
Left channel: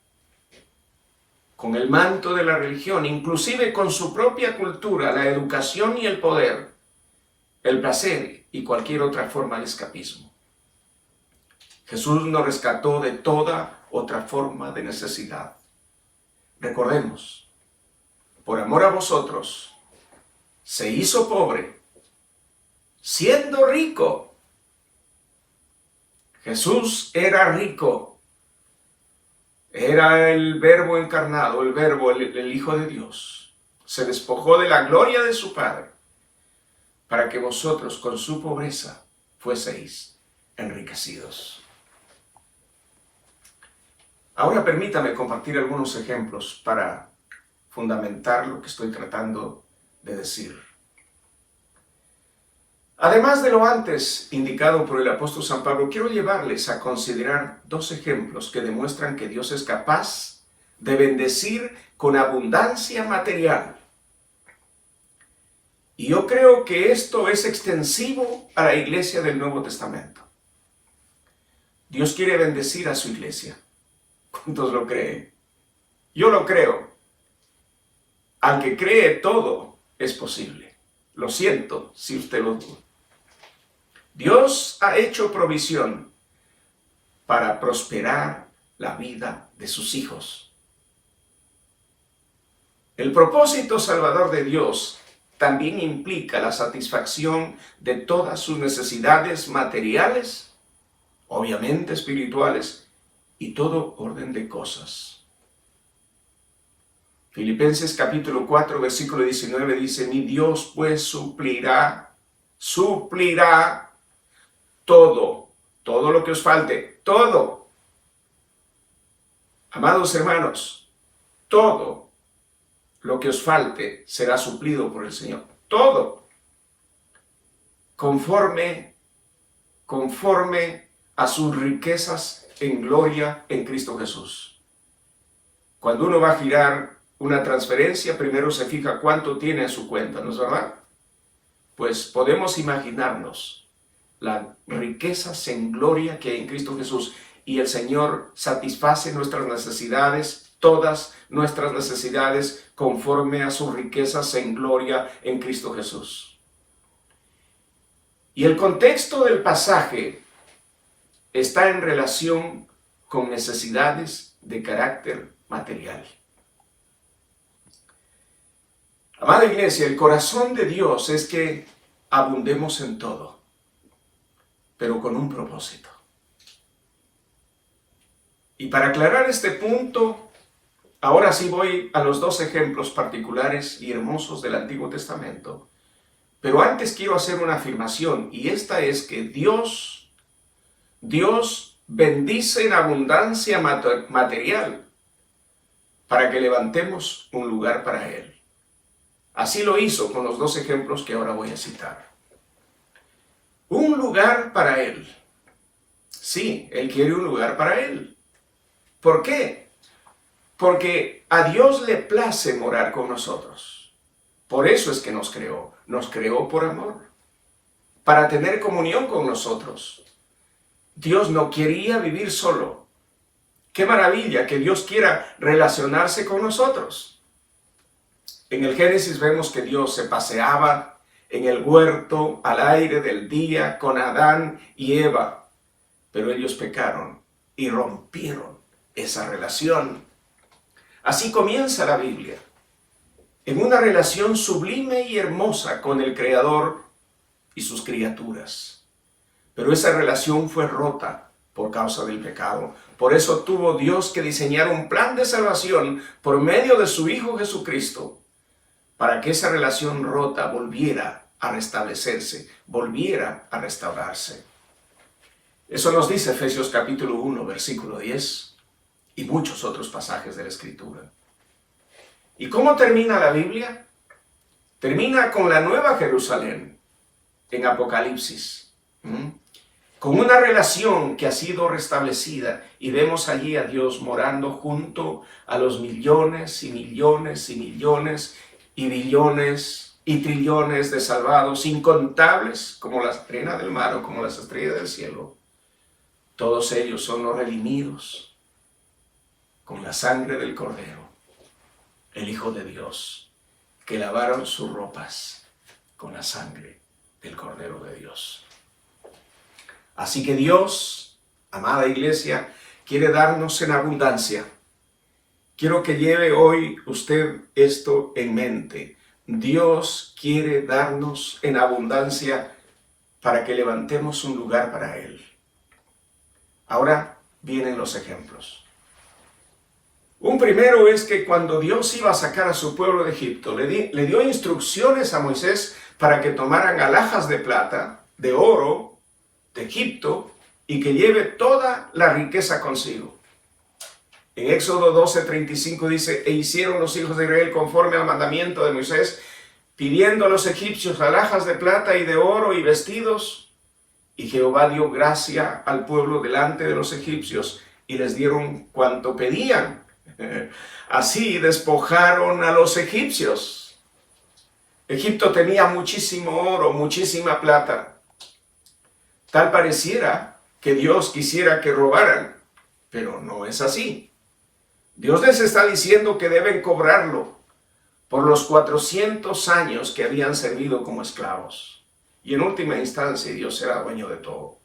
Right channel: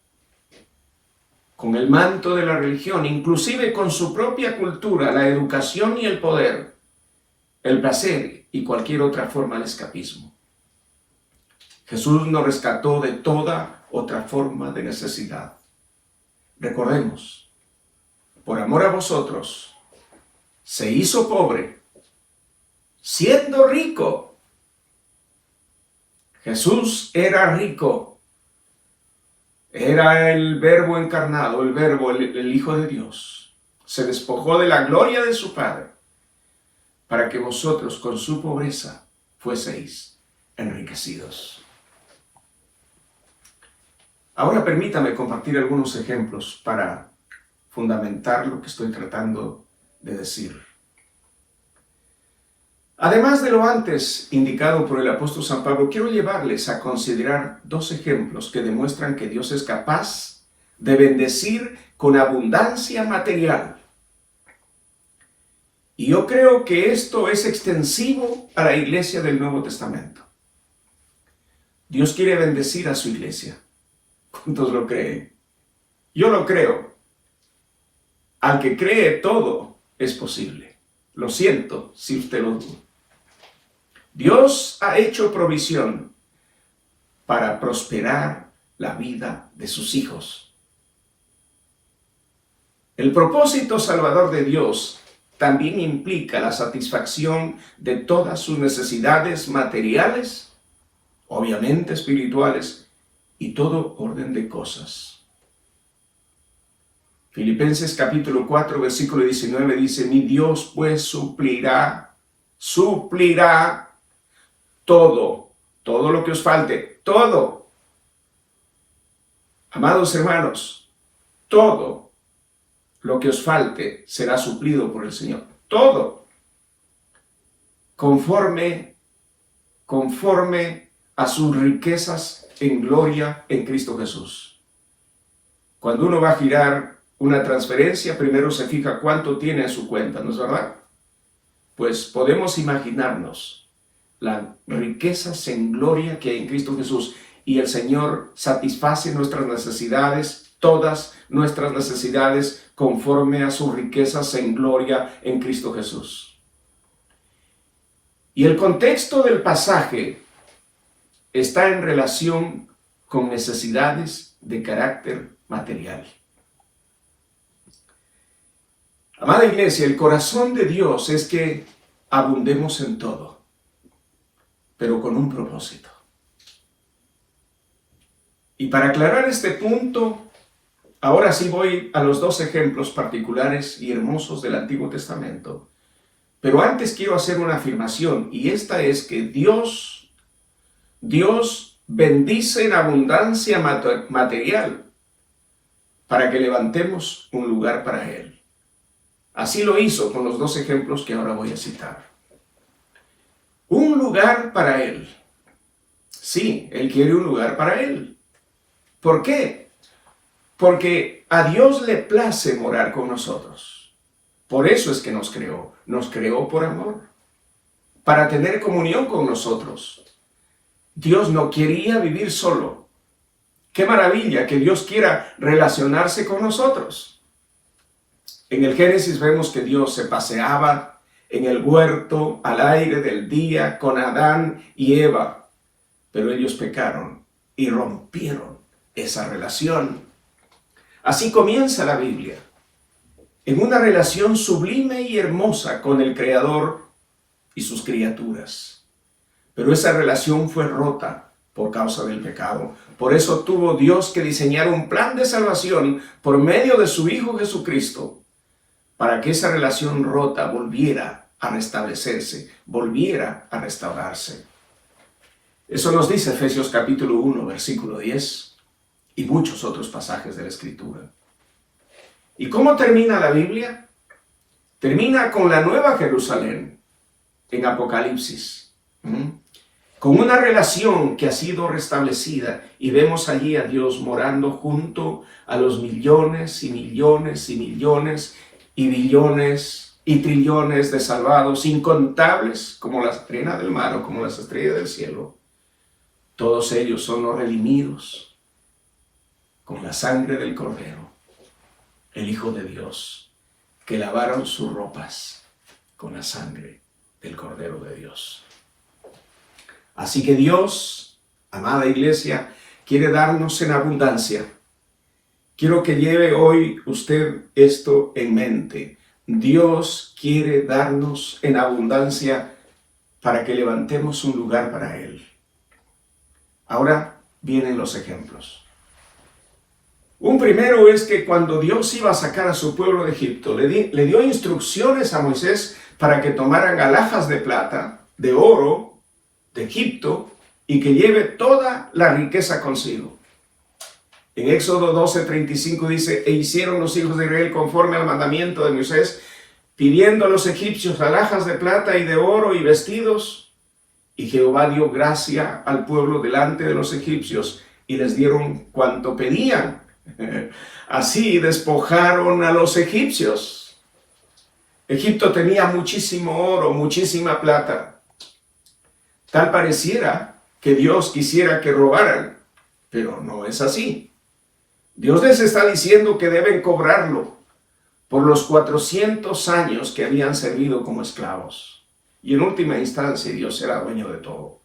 con el manto de la religión, inclusive con su propia cultura, la educación y el poder, el placer y cualquier otra forma de escapismo. Jesús nos rescató de toda otra forma de necesidad. Recordemos, por amor a vosotros, se hizo pobre, siendo rico. Jesús era rico. Era el Verbo encarnado, el Verbo, el Hijo de Dios. Se despojó de la gloria de su Padre para que vosotros con su pobreza fueseis enriquecidos. Ahora permítame compartir algunos ejemplos para fundamentar lo que estoy tratando de decir. Además de lo antes indicado por el apóstol San Pablo, quiero llevarles a considerar dos ejemplos que demuestran que Dios es capaz de bendecir con abundancia material. Y yo creo que esto es extensivo a la iglesia del Nuevo Testamento. Dios quiere bendecir a su iglesia. ¿Cuántos lo creen? Yo lo creo. Al que cree, todo es posible. Lo siento si usted lo duda. Dios ha hecho provisión para prosperar la vida de sus hijos. El propósito salvador de Dios también implica la satisfacción de todas sus necesidades materiales, obviamente espirituales, y todo orden de cosas. Filipenses capítulo 4, versículo 19 dice, mi Dios pues suplirá todo lo que os falte, todo. Amados hermanos, todo lo que os falte será suplido por el Señor. Todo. Conforme a sus riquezas en gloria en Cristo Jesús. Cuando uno va a girar una transferencia, primero se fija cuánto tiene en su cuenta, ¿no es verdad? Pues podemos imaginarnos las riquezas en gloria que hay en Cristo Jesús, y el Señor satisface nuestras necesidades, todas nuestras necesidades, conforme a sus riquezas en gloria en Cristo Jesús. Y el contexto del pasaje está en relación con necesidades de carácter material. Amada iglesia, el corazón de Dios es que abundemos en todo, pero con un propósito. Y para aclarar este punto, ahora sí voy a los dos ejemplos particulares y hermosos del Antiguo Testamento. Pero antes quiero hacer una afirmación, y esta es que Dios bendice en abundancia material para que levantemos un lugar para Él. Así lo hizo con los dos ejemplos que ahora voy a citar. Un lugar para Él. Sí, Él quiere un lugar para Él. ¿Por qué? Porque a Dios le place morar con nosotros. Por eso es que nos creó por amor, para tener comunión con nosotros. Dios no quería vivir solo. ¡Qué maravilla que Dios quiera relacionarse con nosotros! En el Génesis vemos que Dios se paseaba en el huerto al aire del día con Adán y Eva, pero ellos pecaron y rompieron esa relación. Así comienza la Biblia, en una relación sublime y hermosa con el Creador y sus criaturas. Pero esa relación fue rota por causa del pecado. Por eso tuvo Dios que diseñar un plan de salvación por medio de su Hijo Jesucristo, para que esa relación rota volviera a restablecerse, volviera a restaurarse. Eso nos dice Efesios capítulo 1, versículo 10, y muchos otros pasajes de la Escritura. ¿Y cómo termina la Biblia? Termina con la Nueva Jerusalén, en Apocalipsis, con una relación que ha sido restablecida, y vemos allí a Dios morando junto a los millones y millones y millones y billones y trillones de salvados, incontables como la arena del mar o como las estrellas del cielo. Todos ellos son los redimidos con la sangre del Cordero, el Hijo de Dios, que lavaron sus ropas con la sangre del Cordero de Dios. Así que Dios, amada iglesia, quiere darnos en abundancia. Quiero que lleve hoy usted esto en mente. Dios quiere darnos en abundancia para que levantemos un lugar para Él. Ahora vienen los ejemplos. Un primero es que cuando Dios iba a sacar a su pueblo de Egipto, le dio instrucciones a Moisés para que tomaran alhajas de plata, de oro, de Egipto, y que lleve toda la riqueza consigo. En Éxodo 12:35 dice, e hicieron los hijos de Israel conforme al mandamiento de Moisés, pidiendo a los egipcios alhajas de plata y de oro y vestidos. Y Jehová dio gracia al pueblo delante de los egipcios, y les dieron cuanto pedían. Así despojaron a los egipcios. Egipto tenía muchísimo oro, muchísima plata. Tal pareciera que Dios quisiera que robaran, pero no es así. Dios les está diciendo que deben cobrarlo por los 400 años que habían servido como esclavos. y en última instancia Dios será dueño de todo.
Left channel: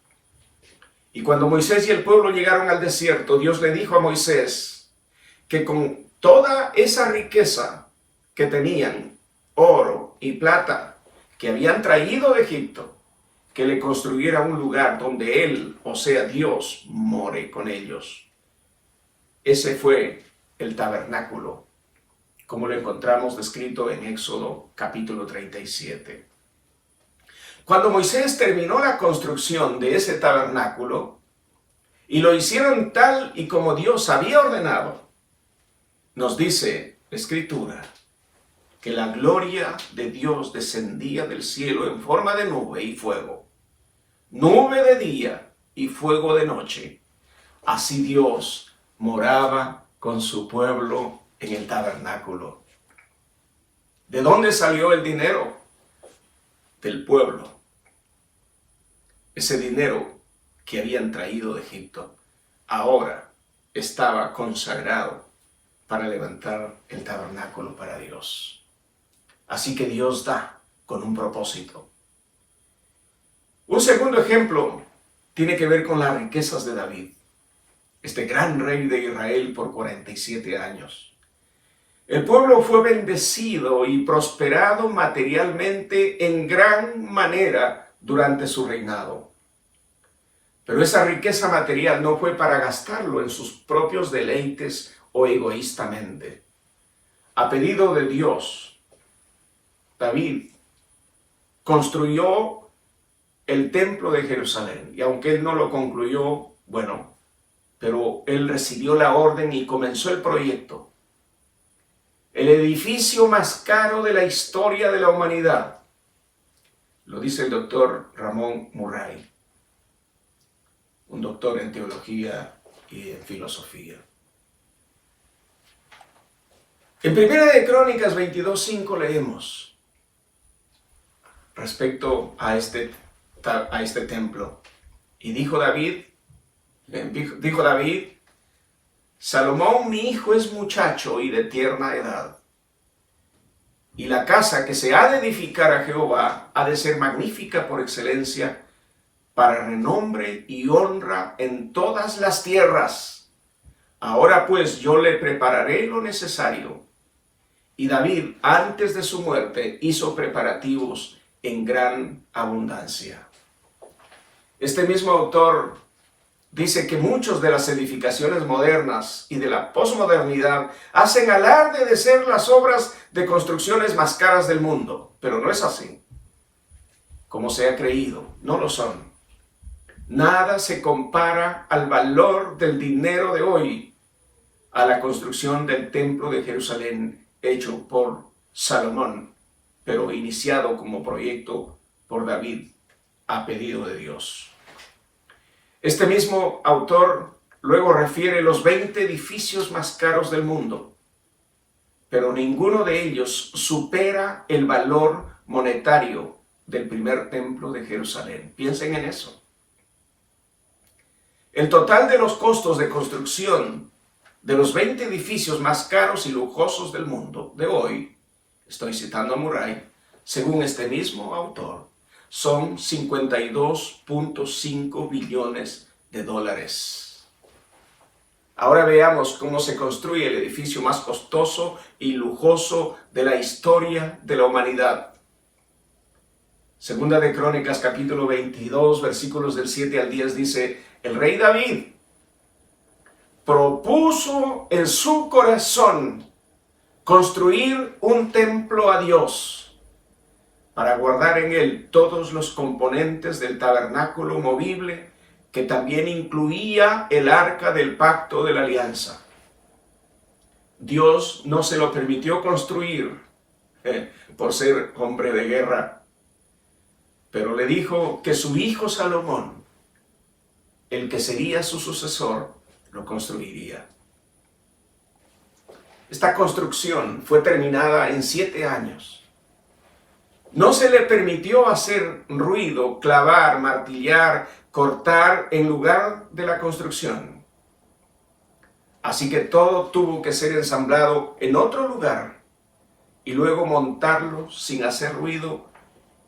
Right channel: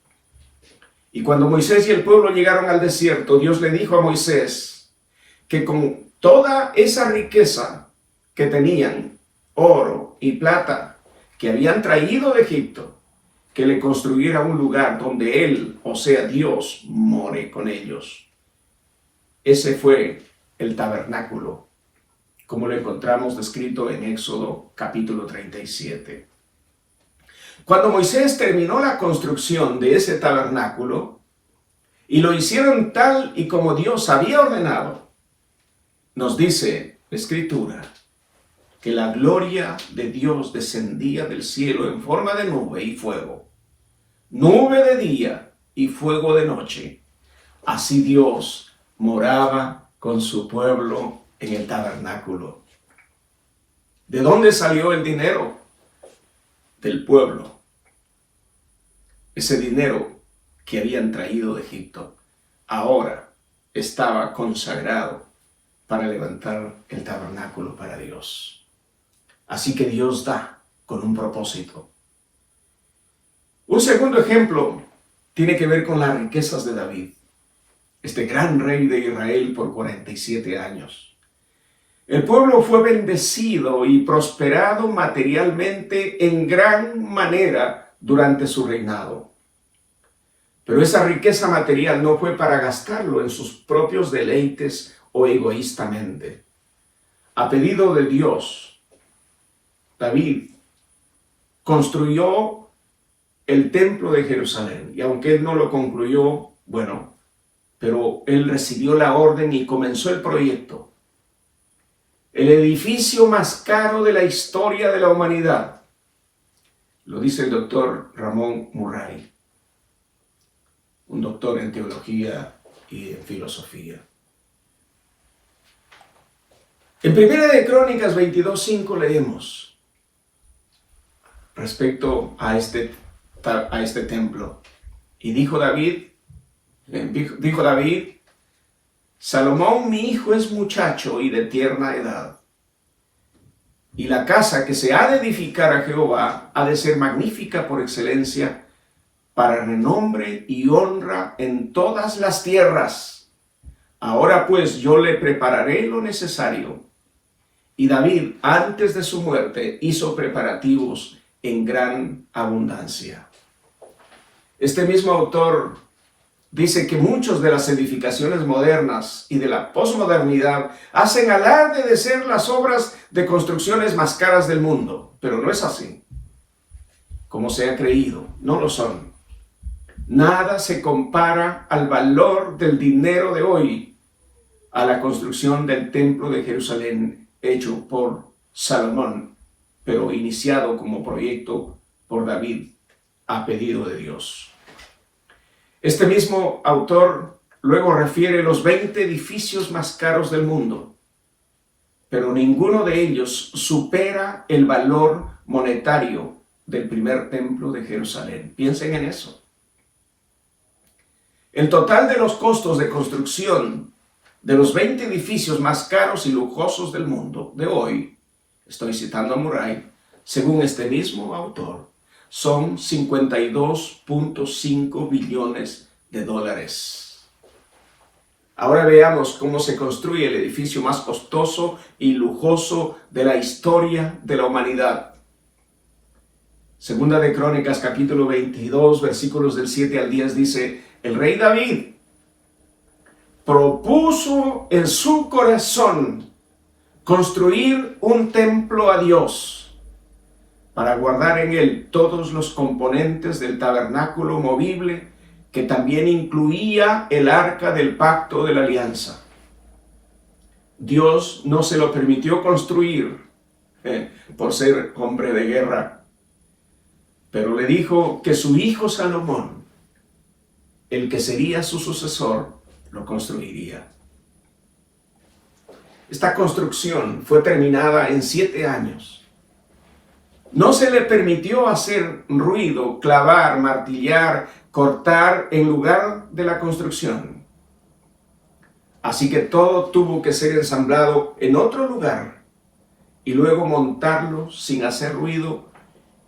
Y cuando Moisés y el pueblo llegaron al desierto, Dios le dijo a Moisés que con toda esa riqueza que tenían, oro y plata, que habían traído de Egipto, que le construyera un lugar donde él, o sea Dios, more con ellos. Ese fue el tabernáculo, como lo encontramos descrito en Éxodo capítulo 37. Cuando Moisés terminó la construcción de ese tabernáculo, y lo hicieron tal y como Dios había ordenado, nos dice la Escritura que la gloria de Dios descendía del cielo en forma de nube y fuego, nube de día y fuego de noche. Así Dios moraba con su pueblo en el tabernáculo. ¿De dónde salió el dinero? Del pueblo. Ese dinero que habían traído de Egipto ahora estaba consagrado para levantar el tabernáculo para Dios. Así que Dios da con un propósito. Un segundo ejemplo tiene que ver con las riquezas de David, este gran rey de Israel por 47 años. El pueblo fue bendecido y prosperado materialmente en gran manera durante su reinado. Pero esa riqueza material no fue para gastarlo en sus propios deleites o egoístamente. A pedido de Dios, David construyó el templo de Jerusalén, y aunque él no lo concluyó, bueno, pero él recibió la orden y comenzó el proyecto. El edificio más caro de la historia de la humanidad, lo dice el doctor Ramón Murray, un doctor en teología y en filosofía. En Primera de Crónicas 22:5 leemos respecto a este templo. Y dijo David, Salomón mi hijo es muchacho y de tierna edad, y la casa que se ha de edificar a Jehová ha de ser magnífica por excelencia, para renombre y honra en todas las tierras. Ahora pues yo le prepararé lo necesario. Y David, antes de su muerte, hizo preparativos en gran abundancia. Este mismo autor dice que muchas de las edificaciones modernas y de la posmodernidad hacen alarde de ser las obras de construcciones más caras del mundo, pero no es así. Como se ha creído, no lo son. Nada se compara al valor del dinero de hoy a la construcción del templo de Jerusalén hecho por Salomón, pero iniciado como proyecto por David a pedido de Dios. Este mismo autor luego refiere los 20 edificios más caros del mundo, pero ninguno de ellos supera el valor monetario del primer templo de Jerusalén. Piensen en eso. El total de los costos de construcción de los 20 edificios más caros y lujosos del mundo de hoy, estoy citando a Murray, según este mismo autor, son 52.5 billones de dólares. Ahora veamos cómo se construye el edificio más costoso y lujoso de la historia de la humanidad. Segunda de Crónicas, capítulo 22, versículos del 7 al 10 dice: el rey David propuso en su corazón construir un templo a Dios para guardar en él todos los componentes del tabernáculo movible, que también incluía el arca del pacto de la alianza. Dios no se lo permitió construir por ser hombre de guerra, pero le dijo que su hijo Salomón, el que sería su sucesor, lo construiría. Esta construcción fue terminada en 7 años. No se le permitió hacer ruido, clavar, martillar, cortar en lugar de la construcción. Así que todo tuvo que ser ensamblado en otro lugar y luego montarlo sin hacer ruido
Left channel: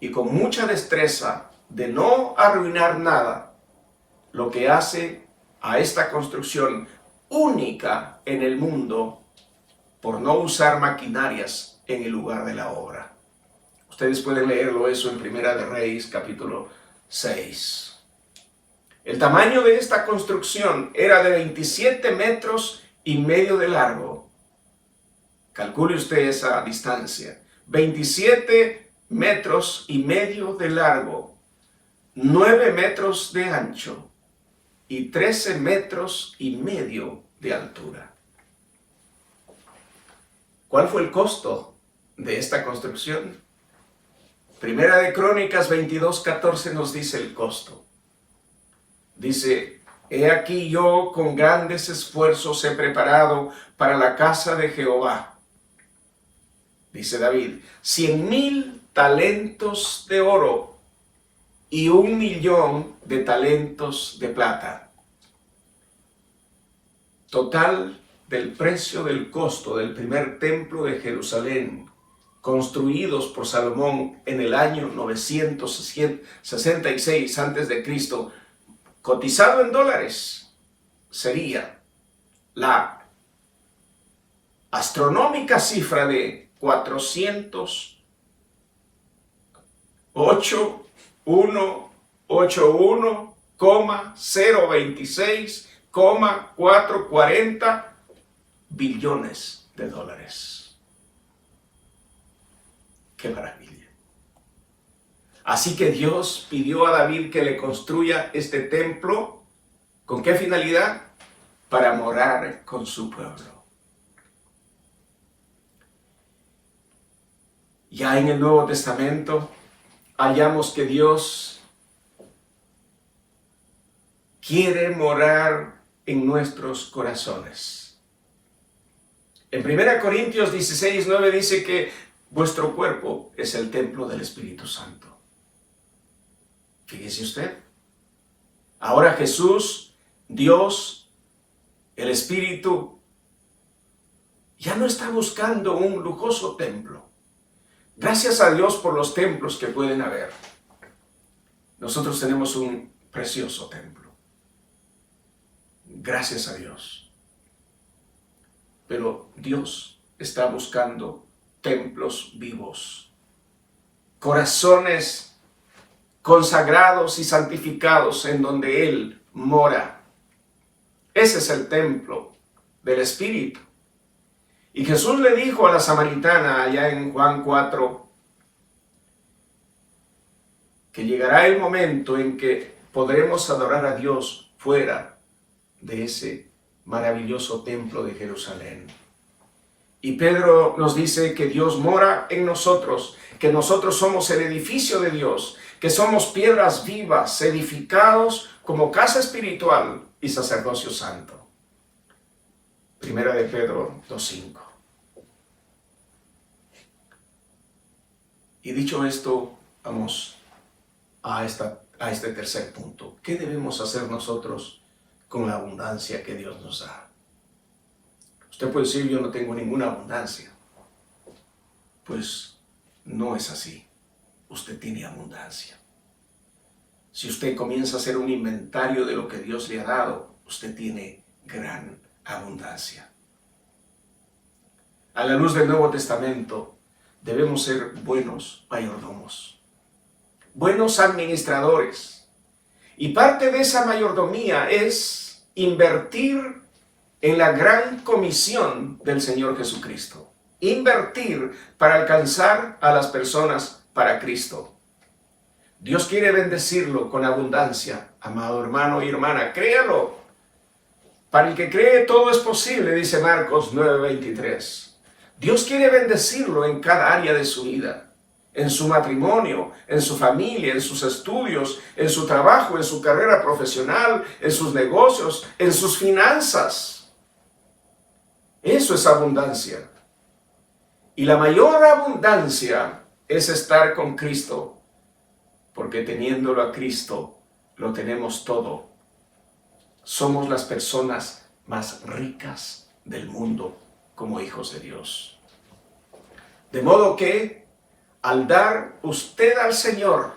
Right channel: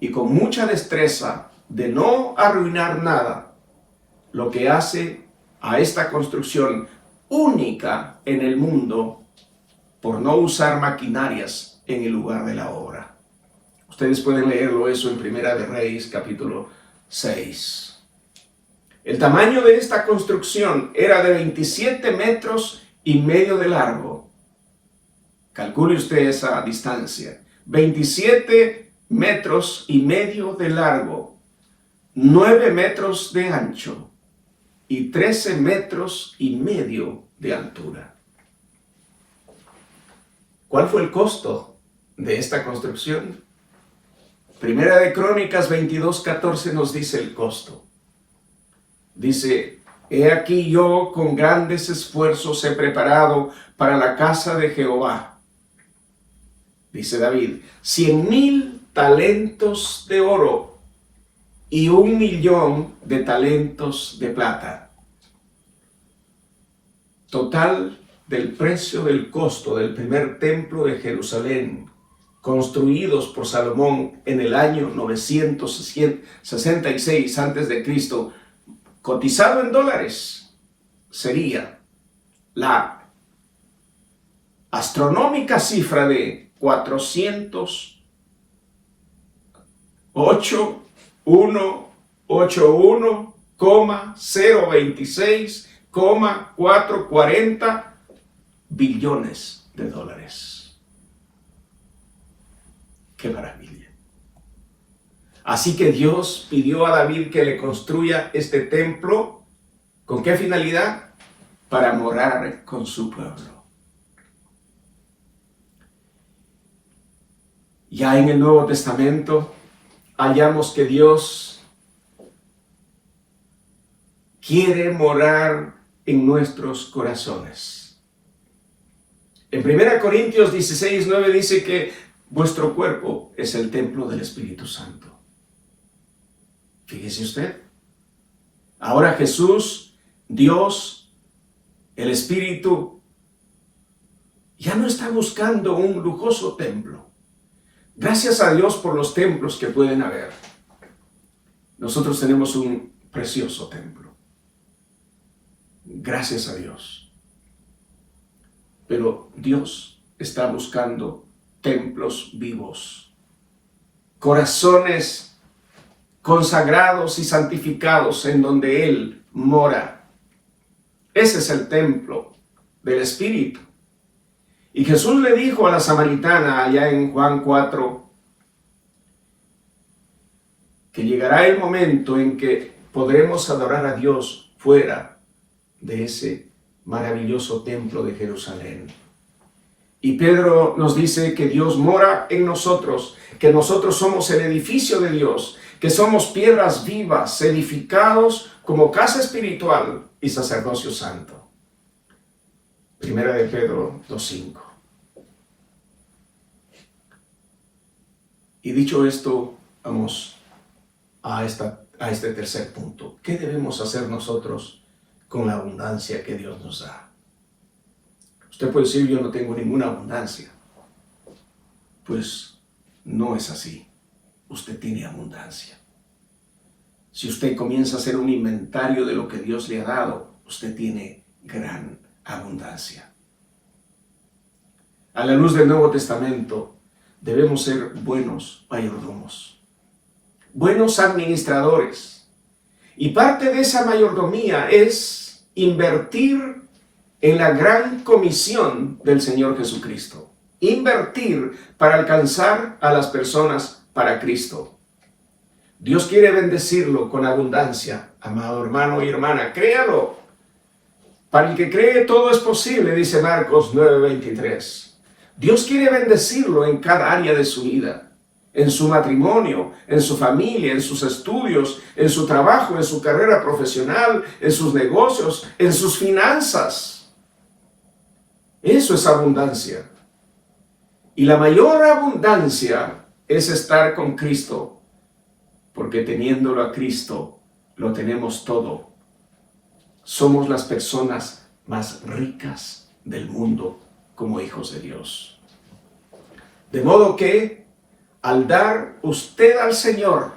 y con mucha destreza de no arruinar nada, lo que hace a esta construcción única en el mundo por no usar maquinarias en el lugar de la obra. Ustedes pueden leerlo eso en Primera de Reyes, capítulo 6. El tamaño de esta construcción era de 27 metros y medio de largo. Calcule usted esa distancia. 27 metros y medio de largo, 9 metros de ancho y 13 metros y medio de altura. ¿Cuál fue el costo de esta construcción? Primera de Crónicas 22:14 nos dice el costo. Dice: he aquí yo con grandes esfuerzos he preparado para la casa de Jehová. Dice David, 100,000 talentos de oro y 1,000,000 de talentos de plata. Total del precio del costo del primer templo de Jerusalén, construidos por Salomón en el año 966 a.C., cotizado en dólares, sería la astronómica cifra de 481,026,440 billones de dólares. ¡Qué maravilla! Así que Dios pidió a David que le construya este templo. ¿Con qué finalidad? Para morar con su pueblo. Ya en el Nuevo Testamento hallamos que Dios quiere morar en nuestros corazones. En 1 Corintios 16:9 dice que vuestro cuerpo es el templo del Espíritu Santo. Fíjese usted. Ahora Jesús, Dios, el Espíritu, ya no está buscando un lujoso templo. Gracias a Dios por los templos que pueden haber. Nosotros tenemos un precioso templo. Gracias a Dios. Pero Dios está buscando templos vivos, corazones consagrados y santificados en donde Él mora. Ese es el templo del Espíritu. Y Jesús le dijo a la samaritana allá en Juan 4 que llegará el momento en que podremos adorar a Dios fuera de ese maravilloso templo de Jerusalén. Y Pedro nos dice que Dios mora en nosotros, que nosotros somos el edificio de Dios, que somos piedras vivas, edificados como casa espiritual y sacerdocio santo. Primera de Pedro 2:5. Y dicho esto, vamos a este tercer punto. ¿Qué debemos hacer nosotros con la abundancia que Dios nos da? Usted puede decir, yo no tengo ninguna abundancia. Pues no es así. Usted tiene abundancia. Si usted comienza a hacer un inventario de lo que Dios le ha dado, usted tiene gran abundancia. A la luz del Nuevo Testamento, debemos ser buenos mayordomos, buenos administradores. Y parte de esa mayordomía es invertir en la gran comisión del Señor Jesucristo. Invertir para alcanzar a las personas para Cristo. Dios quiere bendecirlo con abundancia, amado hermano y hermana. Créalo. Para el que cree todo es posible, dice Marcos 9:23. Dios quiere bendecirlo en cada área de su vida. En su matrimonio, en su familia, en sus estudios, en su trabajo, en su carrera profesional, en sus negocios, en sus finanzas. Eso es abundancia. Y la mayor abundancia es estar con Cristo, porque teniéndolo a Cristo, lo tenemos todo. Somos las personas más ricas del mundo como hijos de Dios. De modo que al dar usted al Señor,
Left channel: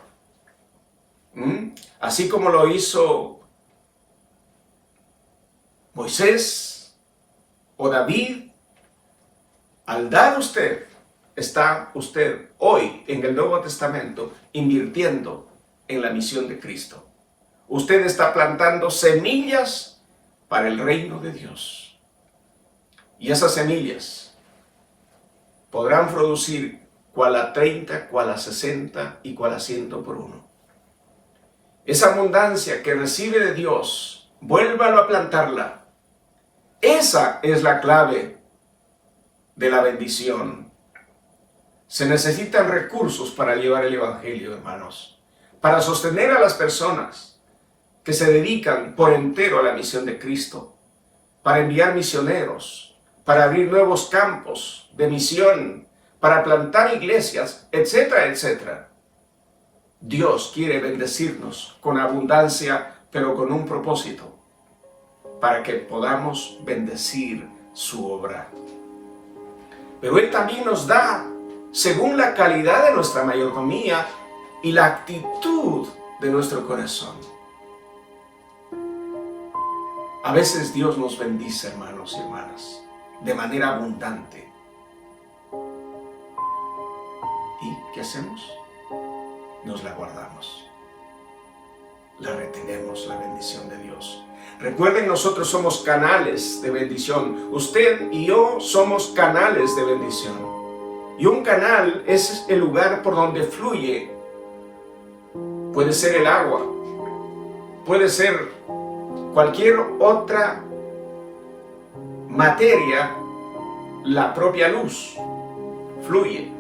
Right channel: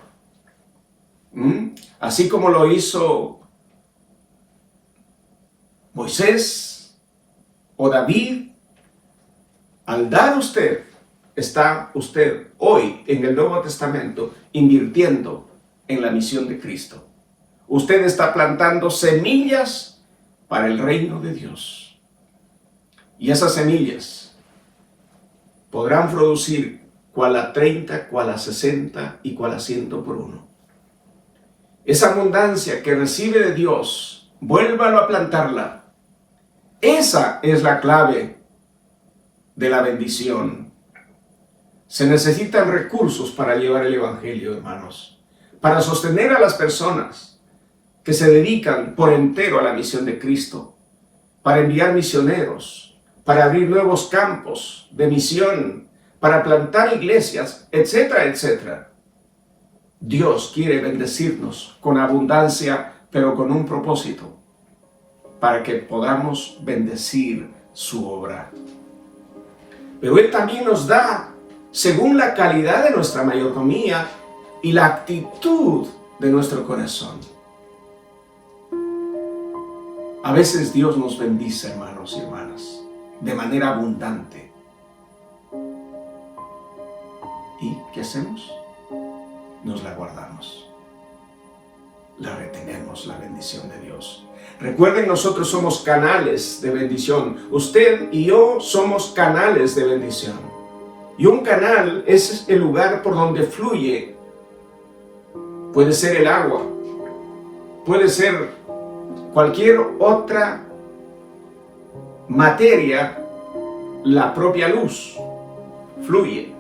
así como lo hizo Moisés o David, al dar usted, está usted hoy en el Nuevo Testamento invirtiendo en la misión de Cristo. Usted está plantando semillas para el reino de Dios. Y esas semillas podrán producir cual a 30, cual a 60 y cual a 100 por uno. Esa abundancia que recibe de Dios, vuélvalo a plantarla. Esa es la clave de la bendición. Se necesitan recursos para llevar el Evangelio, hermanos, para sostener a las personas que se dedican por entero a la misión de Cristo, para enviar misioneros, para abrir nuevos campos de misión, para plantar iglesias, etcétera, etcétera. Dios quiere bendecirnos con abundancia, pero con un propósito, para que podamos bendecir su obra. Pero Él también nos da según la calidad de nuestra mayordomía y la actitud de nuestro corazón. A veces Dios nos bendice, hermanos y hermanas, de manera abundante. ¿Y qué hacemos? Nos la guardamos. La retenemos, la bendición de Dios. Recuerden, nosotros somos canales de bendición. Usted y yo somos canales de bendición. Y un canal es el lugar por donde fluye. Puede ser el agua, puede ser cualquier otra materia, la propia luz fluye.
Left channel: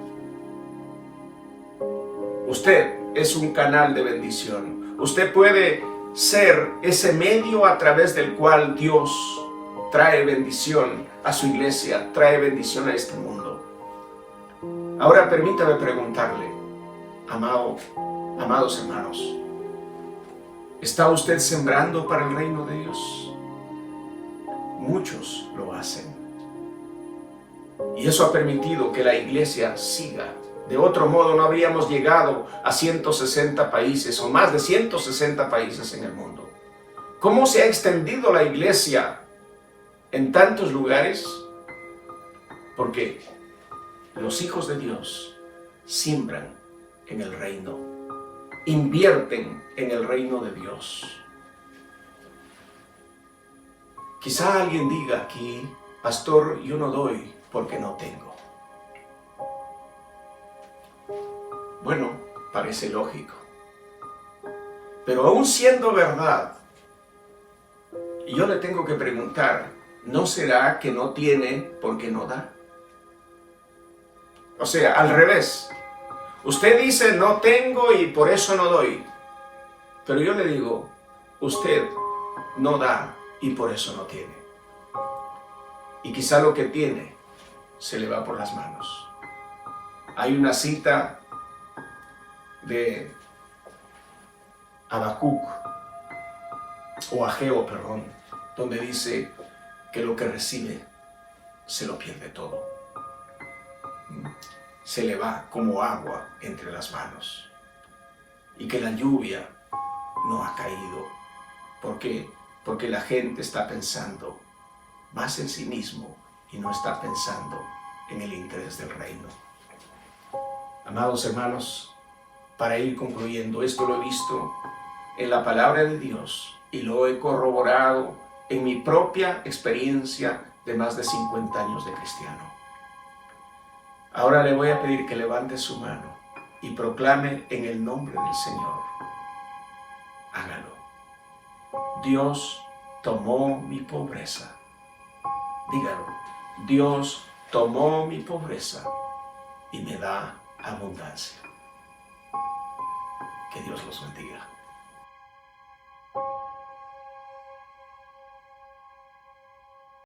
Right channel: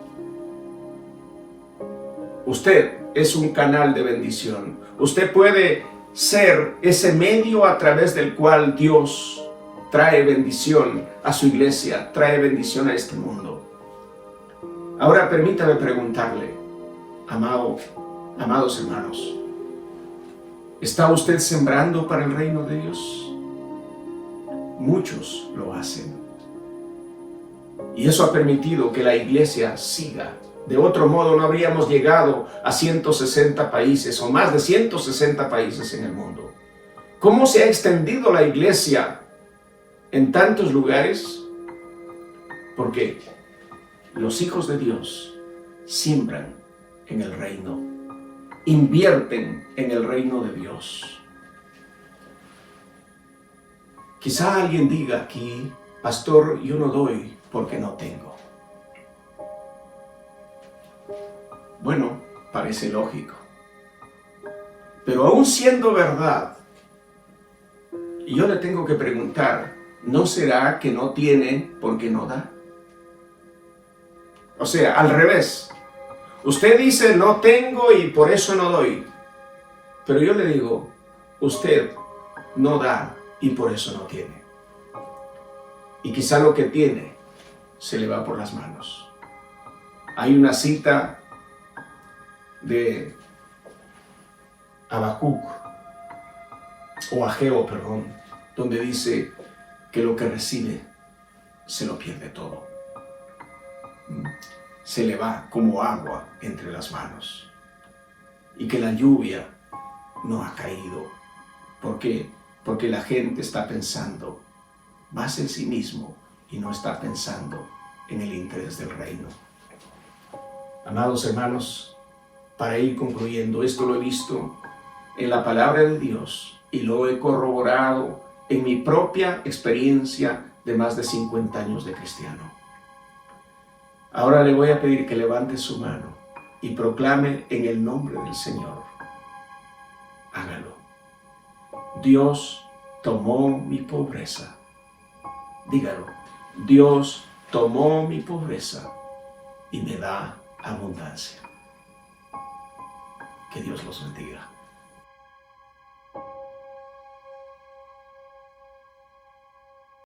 Usted es un canal de bendición. Usted puede ser ese medio a través del cual Dios trae bendición a su iglesia, trae bendición a este mundo. Ahora permítame preguntarle, amados hermanos, ¿está usted sembrando para el reino de Dios? Muchos lo hacen. Y eso ha permitido que la iglesia siga. De otro modo no habríamos llegado a 160 países o más de 160 países en el mundo. ¿Cómo se ha extendido la iglesia en tantos lugares? Porque los hijos de Dios siembran en el reino, invierten en el reino de Dios. Quizá alguien diga aquí, pastor, yo no doy porque no tengo. Bueno, parece lógico. Pero aún siendo verdad, yo le tengo que preguntar, ¿no será que no tiene porque no da? O sea, al revés. Usted dice, no tengo y por eso no doy. Pero yo le digo, usted no da y por eso no tiene. Y quizá lo que tiene se le va por las manos. Hay una cita de Habacuc, o Ageo, perdón, donde dice que lo que recibe se lo pierde todo. Se le va como agua entre las manos. Y que la lluvia no ha caído. ¿Por qué? Porque la gente está pensando más en sí mismo y no está pensando en el interés del reino. Amados hermanos, para ir concluyendo, esto lo he visto en la palabra de Dios y lo he corroborado en mi propia experiencia de más de 50 años de cristiano. Ahora le voy a pedir que levante su mano y proclame en el nombre del Señor. Hágalo. Dios tomó mi pobreza. Dígalo. Dios tomó mi pobreza y me da abundancia. Que Dios los bendiga.